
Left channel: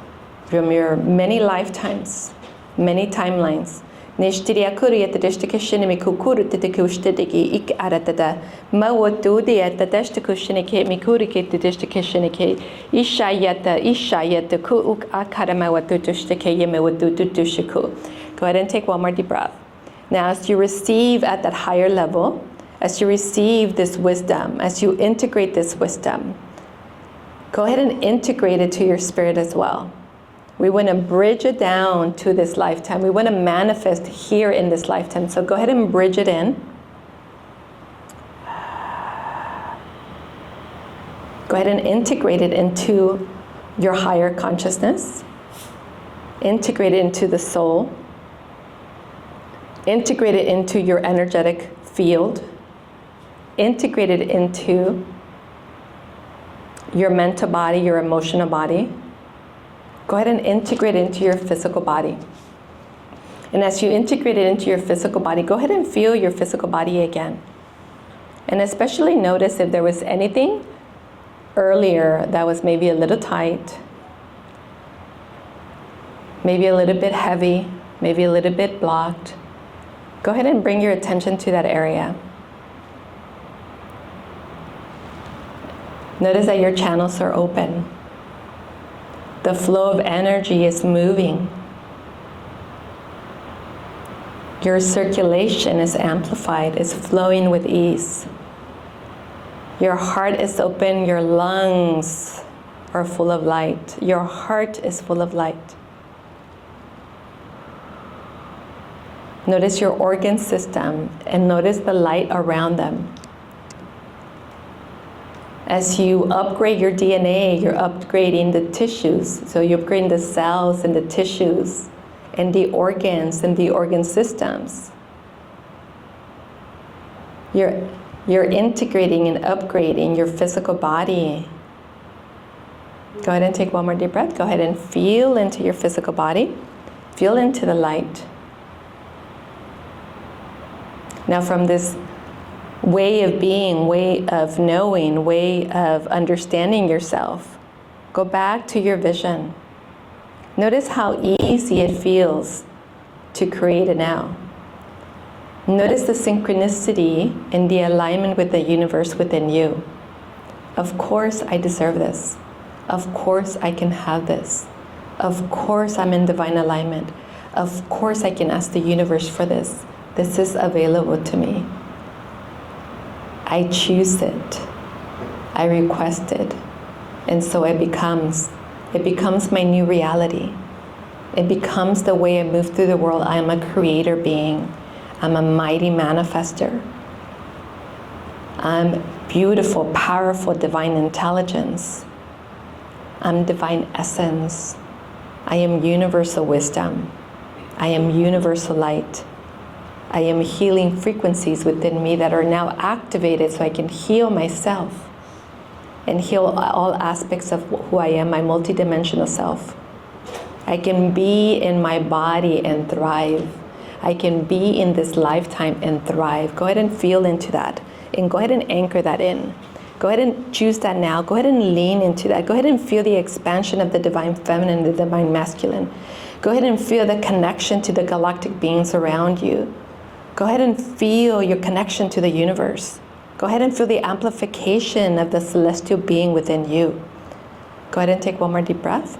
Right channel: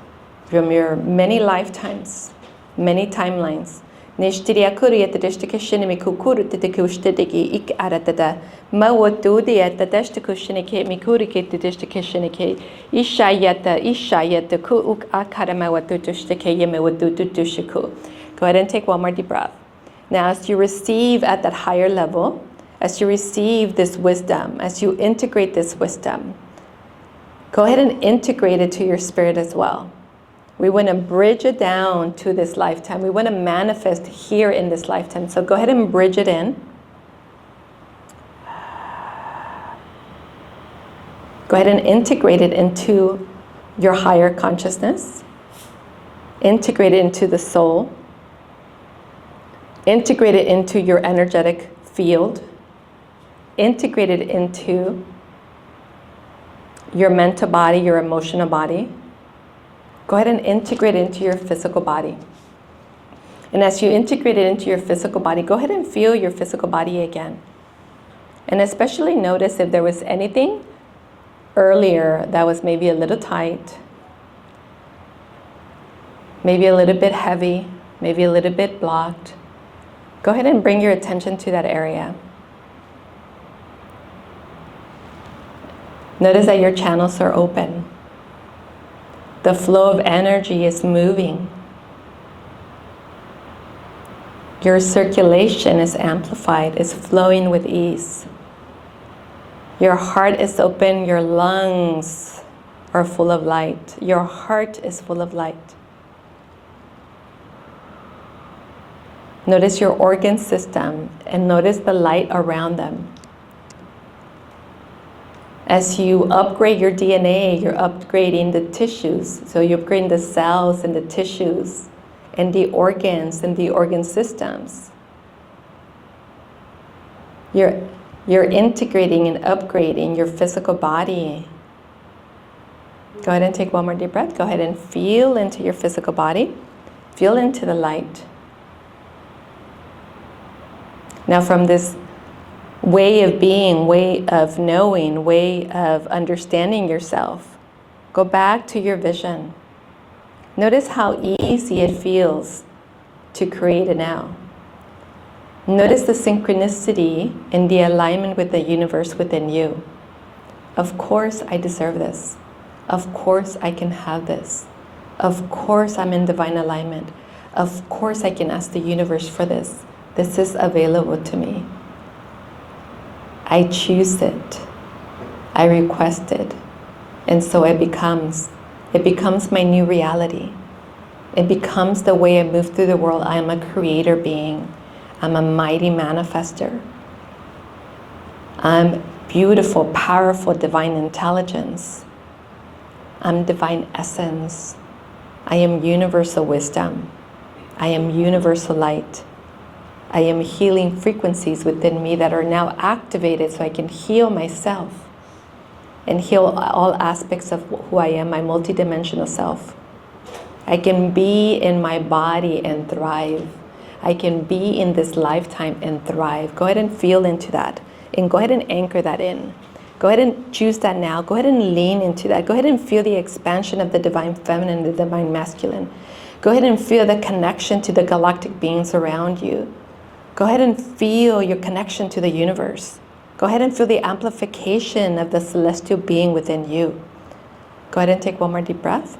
from your many lifetimes, many timelines. Nishtiria kuriyata deshtikishinimi kukuru titikushtiki ik aratata. Mawatudiyata deshtikushiniki mikuriki deshtikishiniki. Ishayata ku uk akaramawatutushtiki yemewatutushiku. Go ahead and take one more deep breath. Now, as you receive at that higher level, as you receive this wisdom, as you integrate this wisdom, go ahead and integrate it to your spirit as well. We want to bridge it down to this lifetime. We want to manifest here in this lifetime. So go ahead and bridge it in. Go ahead and integrate it into your higher consciousness. Integrate it into the soul. Integrate it into your energetic field. Integrate it into your mental body, your emotional body. Go ahead and integrate it into your physical body. And as you integrate it into your physical body, go ahead and feel your physical body again. And especially notice if there was anything earlier that was maybe a little tight, maybe a little bit heavy, maybe a little bit blocked. Go ahead and bring your attention to that area. Notice that your channels are open. The flow of energy is moving. Your circulation is amplified, is flowing with ease. Your heart is open, your lungs are full of light. Your heart is full of light. Notice your organ system and notice the light around them. As you upgrade your DNA, you're upgrading the tissues. So you're upgrading the cells and the tissues and the organs and the organ systems. You're integrating and upgrading your physical body. Go ahead and take one more deep breath. Go ahead and feel into your physical body. Feel into the light. Now from this way of being, way of knowing, way of understanding yourself, go back to your vision. Notice how easy it feels to create it now. Notice the synchronicity and the alignment with the universe within you. Of course I deserve this. Of course I can have this. Of course I'm in divine alignment. Of course I can ask the universe for this. This is available to me. I choose it. I request it. And so it becomes my new reality. It becomes the way I move through the world. I am a creator being. I'm a mighty manifester. I'm beautiful, powerful, divine intelligence. I'm divine essence. I am universal wisdom. I am universal light. I am healing frequencies within me that are now activated so I can heal myself and heal all aspects of who I am, my multidimensional self. I can be in my body and thrive. I can be in this lifetime and thrive. Go ahead and feel into that and go ahead and anchor that in. Go ahead and choose that now. Go ahead and lean into that. Go ahead and feel the expansion of the divine feminine, the divine masculine. Go ahead and feel the connection to the galactic beings around you. Go ahead and feel your connection to the universe. Go ahead and feel the amplification of the celestial being within you. Go ahead and take one more deep breath.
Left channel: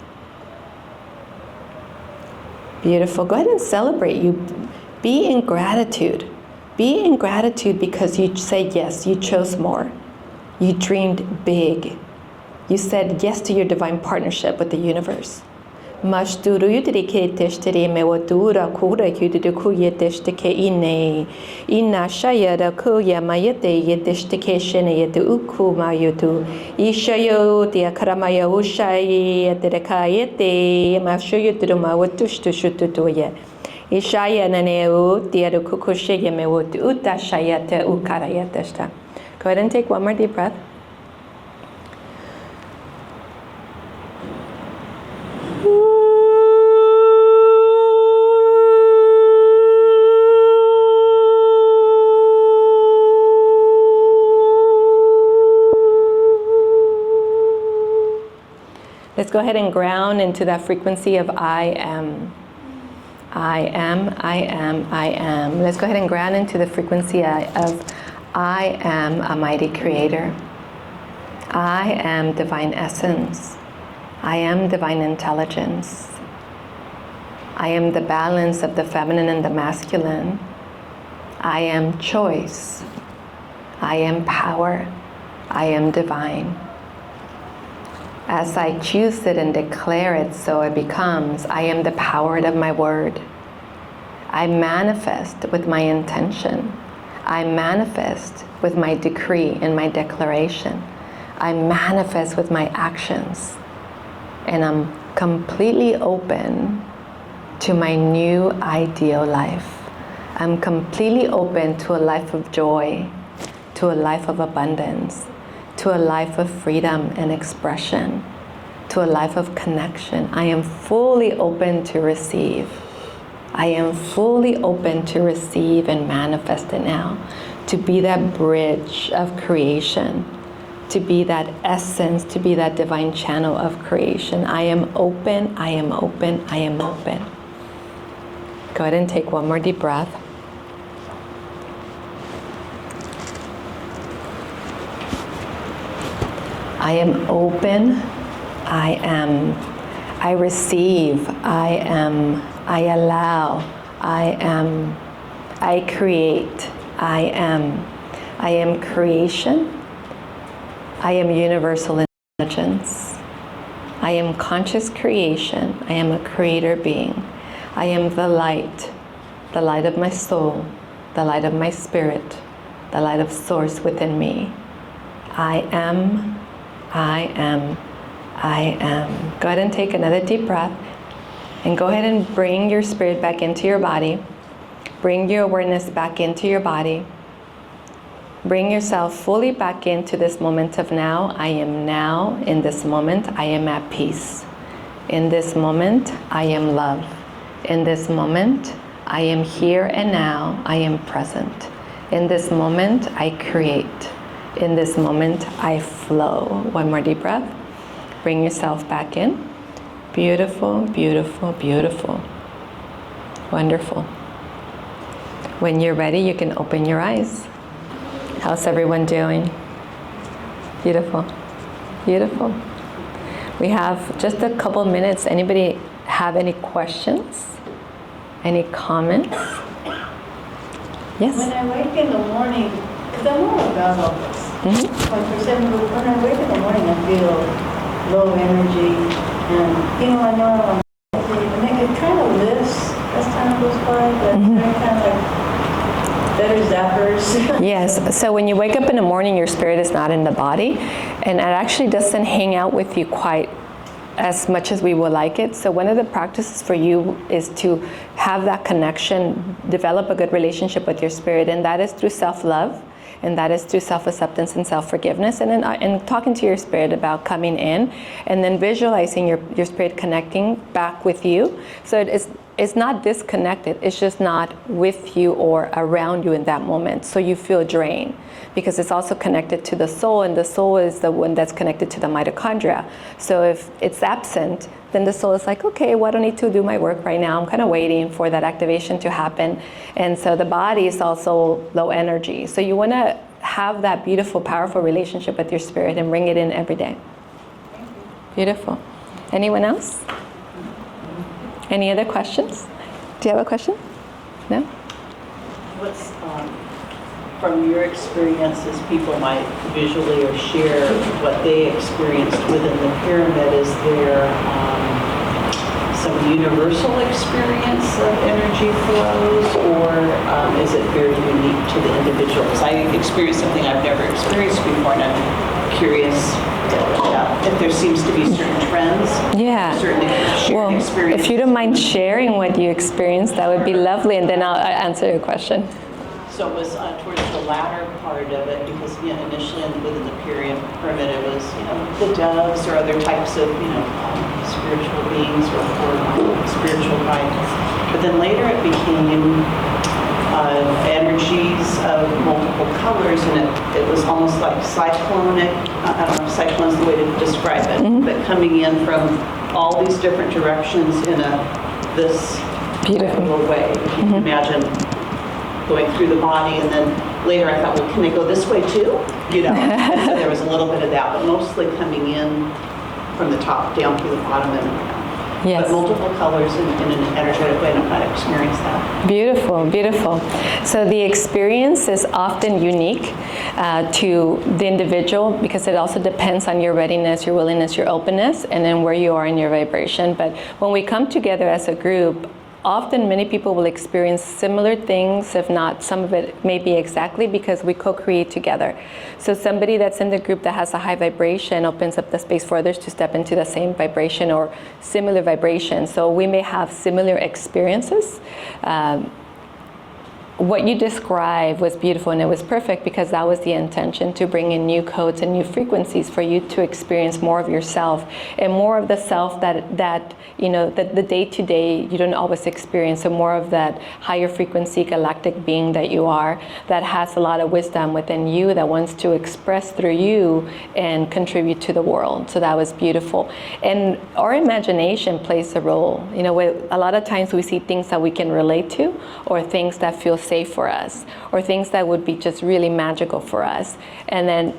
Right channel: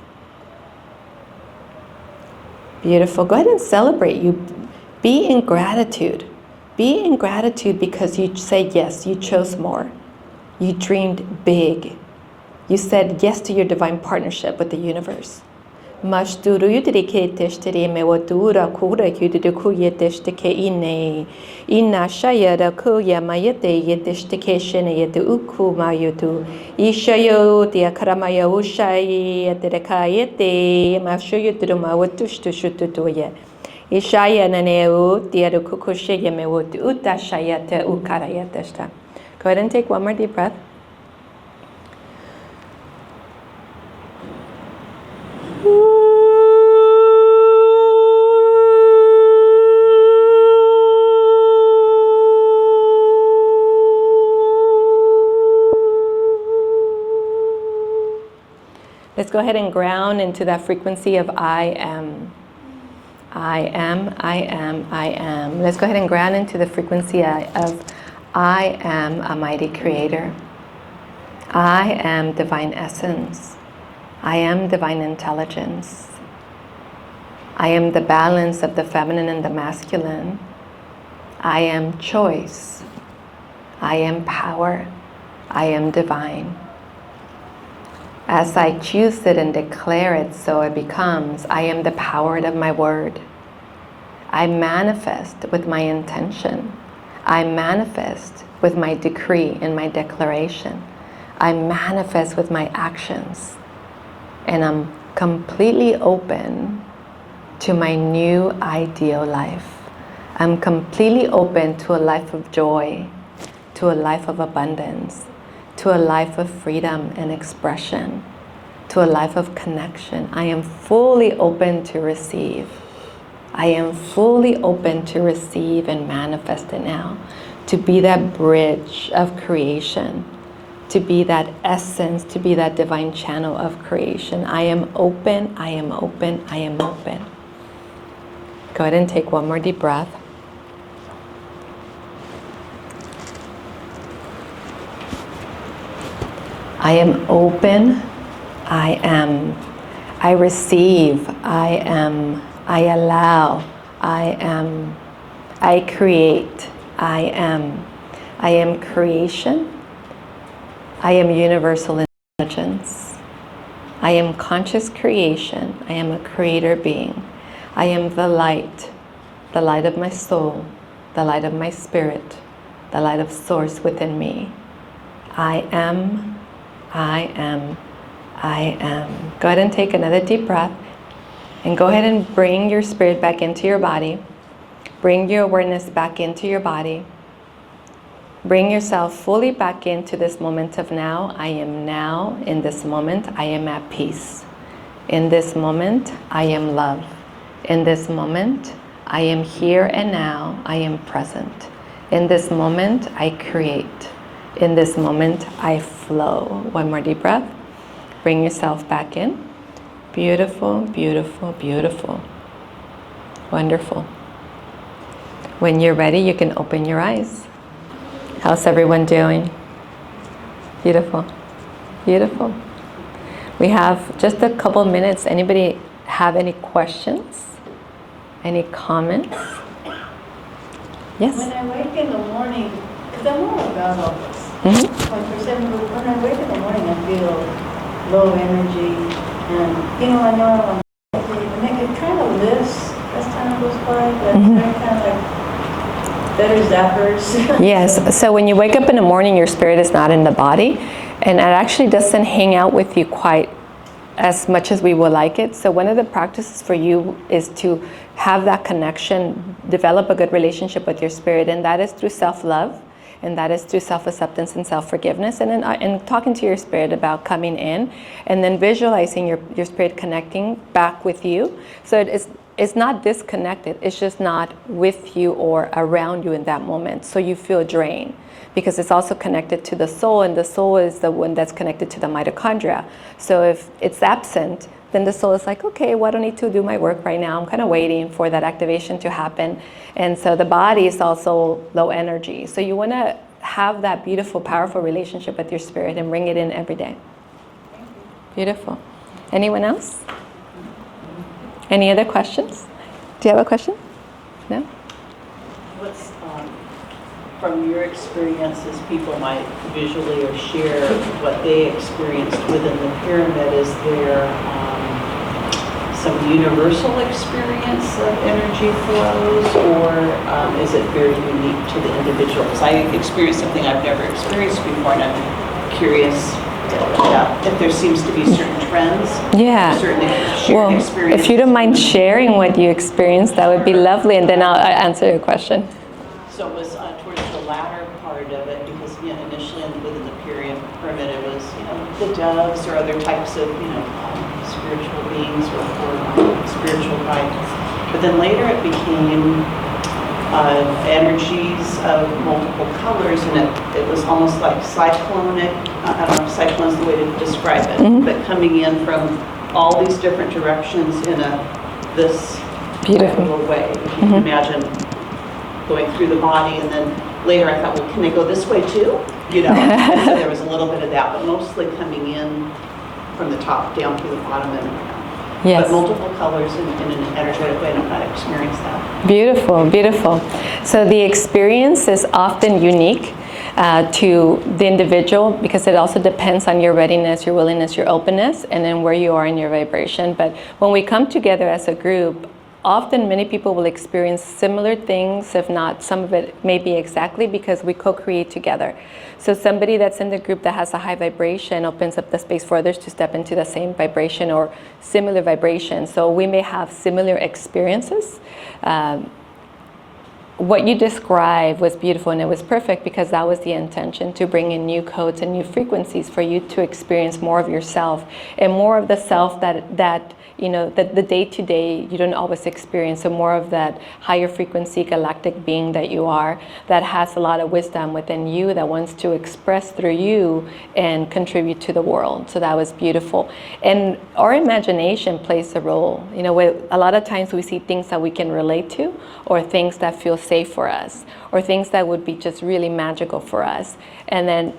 Beautiful. Go ahead and celebrate. You be in gratitude. Be in gratitude because you say yes, you chose more. You dreamed big. You said yes to your divine partnership with the universe. Mashturu yudrike teshtiri mewatura kura yuduku yeteshtike ine. Ina shayada kuya mayete yeteshtike shene yetu uku mayutu. Ishayo diakramaya ushayi yetrekayete. Mashuyuturu mawatushtushutuye. Ishaya naneu diadukukushe yemewutu utashayate ukarayatesta. Go ahead and take one more deep breath. Let's go ahead and ground into that frequency of I am. I am, I am, I am. Let's go ahead and ground into the frequency of I am a mighty creator. I am divine essence. I am divine intelligence. I am the balance of the feminine and the masculine. I am choice. I am power. I am divine. As I choose it and declare it, so it becomes. I am the power of my word. I manifest with my intention. I manifest with my decree and my declaration. I manifest with my actions. And I'm completely open to my new ideal life. I'm completely open to a life of joy, to a life of abundance, to a life of freedom and expression, to a life of connection. I am fully open to receive. I am fully open to receive and manifest it now, to be that bridge of creation, to be that essence, to be that divine channel of creation. I am open, I am open, I am open. Go ahead and take one more deep breath. I am open, I am, I receive, I am, I allow, I am, I create, I am creation, I am universal intelligence, I am conscious creation, I am a creator being, I am the light of my soul, the light of my spirit, the light of source within me. I am, I am, I am. Go ahead and take another deep breath and go ahead and bring your spirit back into your body. Bring your awareness back into your body. Bring yourself fully back into this moment of now. I am now, in this moment, I am at peace. In this moment, I am love. In this moment, I am here and now, I am present. In this moment, I create. In this moment, I flow. One more deep breath. Bring yourself back in. Beautiful, beautiful, beautiful. Wonderful. When you're ready, you can open your eyes. How's everyone doing? Beautiful, beautiful. We have just a couple minutes. Anybody have any questions? Any comments? Yes? When I wake in the morning, because I'm all about all this. Like for example, when I wake in the morning, I feel low energy, and I know and it kind of lifts as time goes by, but they're kind of like better zappers. Yes. So when you wake up in the morning, your spirit is not in the body, and it actually doesn't hang out with you quite as much as we would like it. So one of the practices for you is to have that connection, develop a good relationship with your spirit, and that is through self-love, and that is through self-acceptance and self-forgiveness, and then and talking to your spirit about coming in, and then visualizing your spirit connecting back with you. So it's not disconnected, it's just not with you or around you in that moment, so you feel drained. Because it's also connected to the soul, and the soul is the one that's connected to the mitochondria. So if it's absent, then the soul is like, okay, well, I don't need to do my work right now. I'm kind of waiting for that activation to happen. And so the body is also low energy. So you want to have that beautiful, powerful relationship with your spirit and bring it in every day. Beautiful. Anyone else? Any other questions? Do you have a question? No? What's from your experiences, people might visually or share what they experienced within the pyramid? Is there some universal experience of energy flows, or is it very unique to the individual? Because I experienced something I've never experienced before, and I'm curious if there seems to be certain trends. Yeah. Well, if you don't mind sharing what you experienced, that would be lovely, and then I'll answer your question. So it was towards the latter part of it, because initially within the pyramid it was the doves or other types of spiritual beings or spiritual guidance. But then later it became energies of multiple colors, and it was almost like cyclonic. I don't know if cyclone is the way to describe it, but coming in from all these different directions in this Beautiful. little way. If you can imagine going through the body, and then later I thought, well, can I go this way too? You know, and so there was a little bit of that, but mostly coming in from the top down through the bottom, and Yes. but multiple colors in an energetic way. I don't know how to experience that. Beautiful, beautiful. So the experience is often unique to the individual because it also depends on your readiness, your willingness, your openness, and then where you are in your vibration. But when we come together as a group, often many people will experience similar things, if not some of it maybe exactly, because we co-create together. So somebody that's in the group that has a high vibration opens up the space for others to step into the same vibration or similar vibration. So we may have similar experiences. What you described was beautiful, and it was perfect because that was the intention, to bring in new codes and new frequencies for you to experience more of yourself and more of the self that you know, the day-to-day you don't always experience. So more of that higher frequency galactic being that you are, that has a lot of wisdom within you, that wants to express through you and contribute to the world. So that was beautiful. And our imagination plays a role. You know, a lot of times we see things that we can relate to, or things that feel safe for us, or things that would be just really magical for us. And then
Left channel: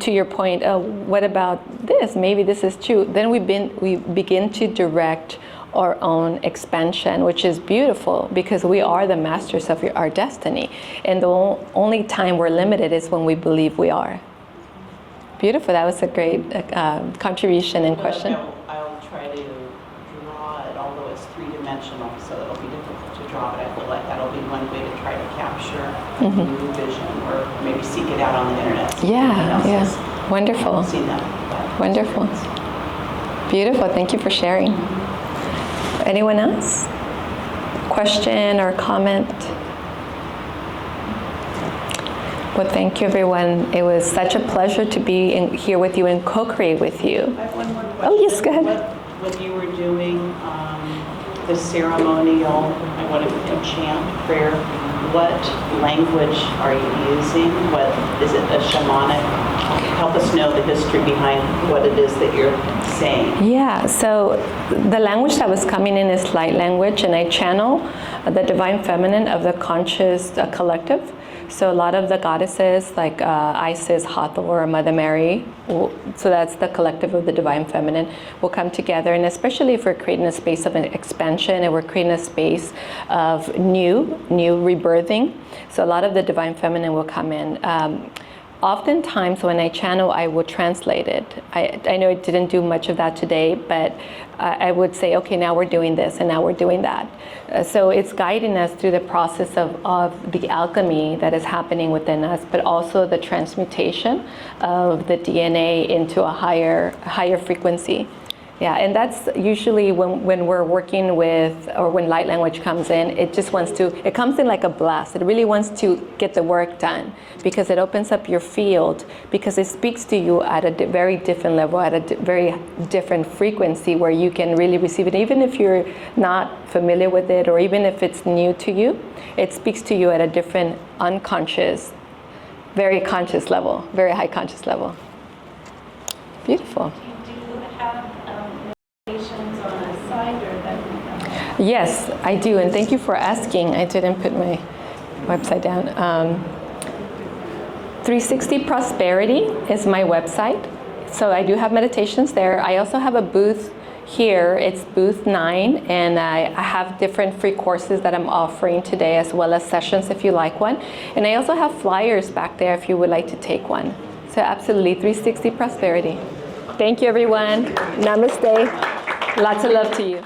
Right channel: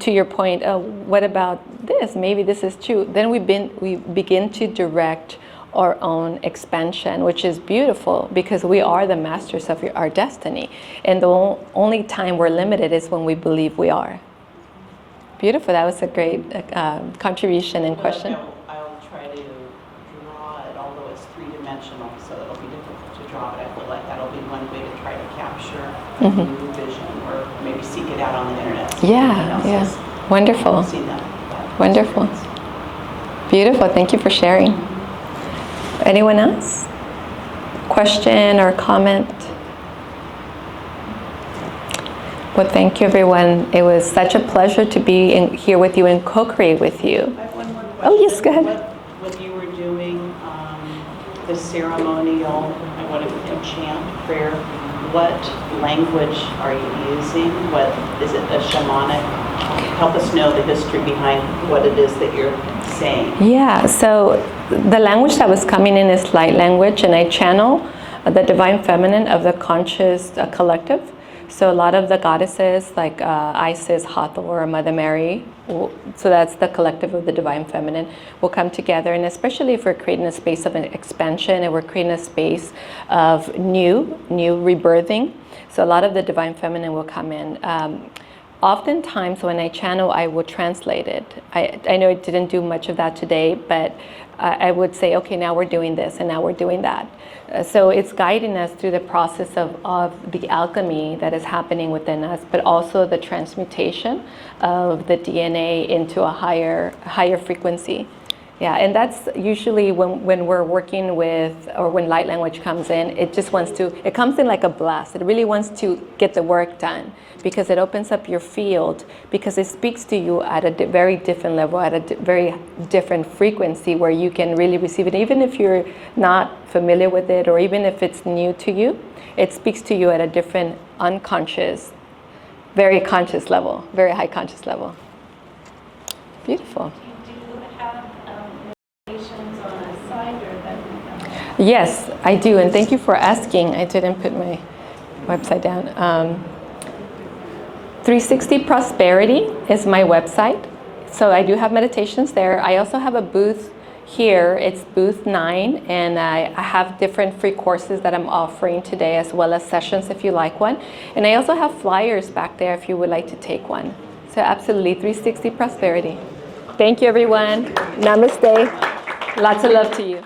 to your point, oh, what about this? Maybe this is true. Then we begin to direct our own expansion, which is beautiful because we are the masters of our destiny. And the only time we're limited is when we believe we are. Beautiful. That was a great contribution and question. I'll try to draw it, although it's three-dimensional, so it'll be difficult to draw, but I feel like that'll be one way to try to capture a new vision, or maybe seek it out on the internet. Yeah. Wonderful. Seen that. Wonderful. Beautiful. Thank you for sharing. Anyone else? Question or comment? Well, thank you, everyone. It was such a pleasure to be here with you and co-create with you. I have one more question. Oh, yes, go ahead. When you were doing the ceremonial, I want to chant prayer, what language are you using? What is it, a shamanic? Help us know the history behind what it is that you're saying. Yeah, so the language that was coming in is light language, and I channel the divine feminine of the conscious collective. So a lot of the goddesses like Isis, Hathor, Mother Mary, so that's the collective of the divine feminine, will come together. And especially if we're creating a space of an expansion and we're creating a space of new rebirthing. So a lot of the divine feminine will come in. Oftentimes when I channel, I will translate it. I know I didn't do much of that today, but I would say, okay, now we're doing this and now we're doing that. So it's guiding us through the process of the alchemy that is happening within us, but also the transmutation of the DNA into a higher frequency. Yeah, and that's usually when we're working with, or when light language comes in, it comes in like a blast. It really wants to get the work done because it opens up your field, because it speaks to you at a very different level, at a very different frequency where you can really receive it. Even if you're not familiar with it, or even if it's new to you, it speaks to you at a different unconscious, very conscious level, very high conscious level. Beautiful. Yes, I do, and thank you for asking. I didn't put my website down. 360 Prosperity is my website, so I do have meditations there. I also have a booth here. It's booth 9, and I have different free courses that I'm offering today, as well as sessions if you like one. And I also have flyers back there if you would like to take one. So absolutely, 360 Prosperity. Thank you, everyone. Namaste. Lots of love to you.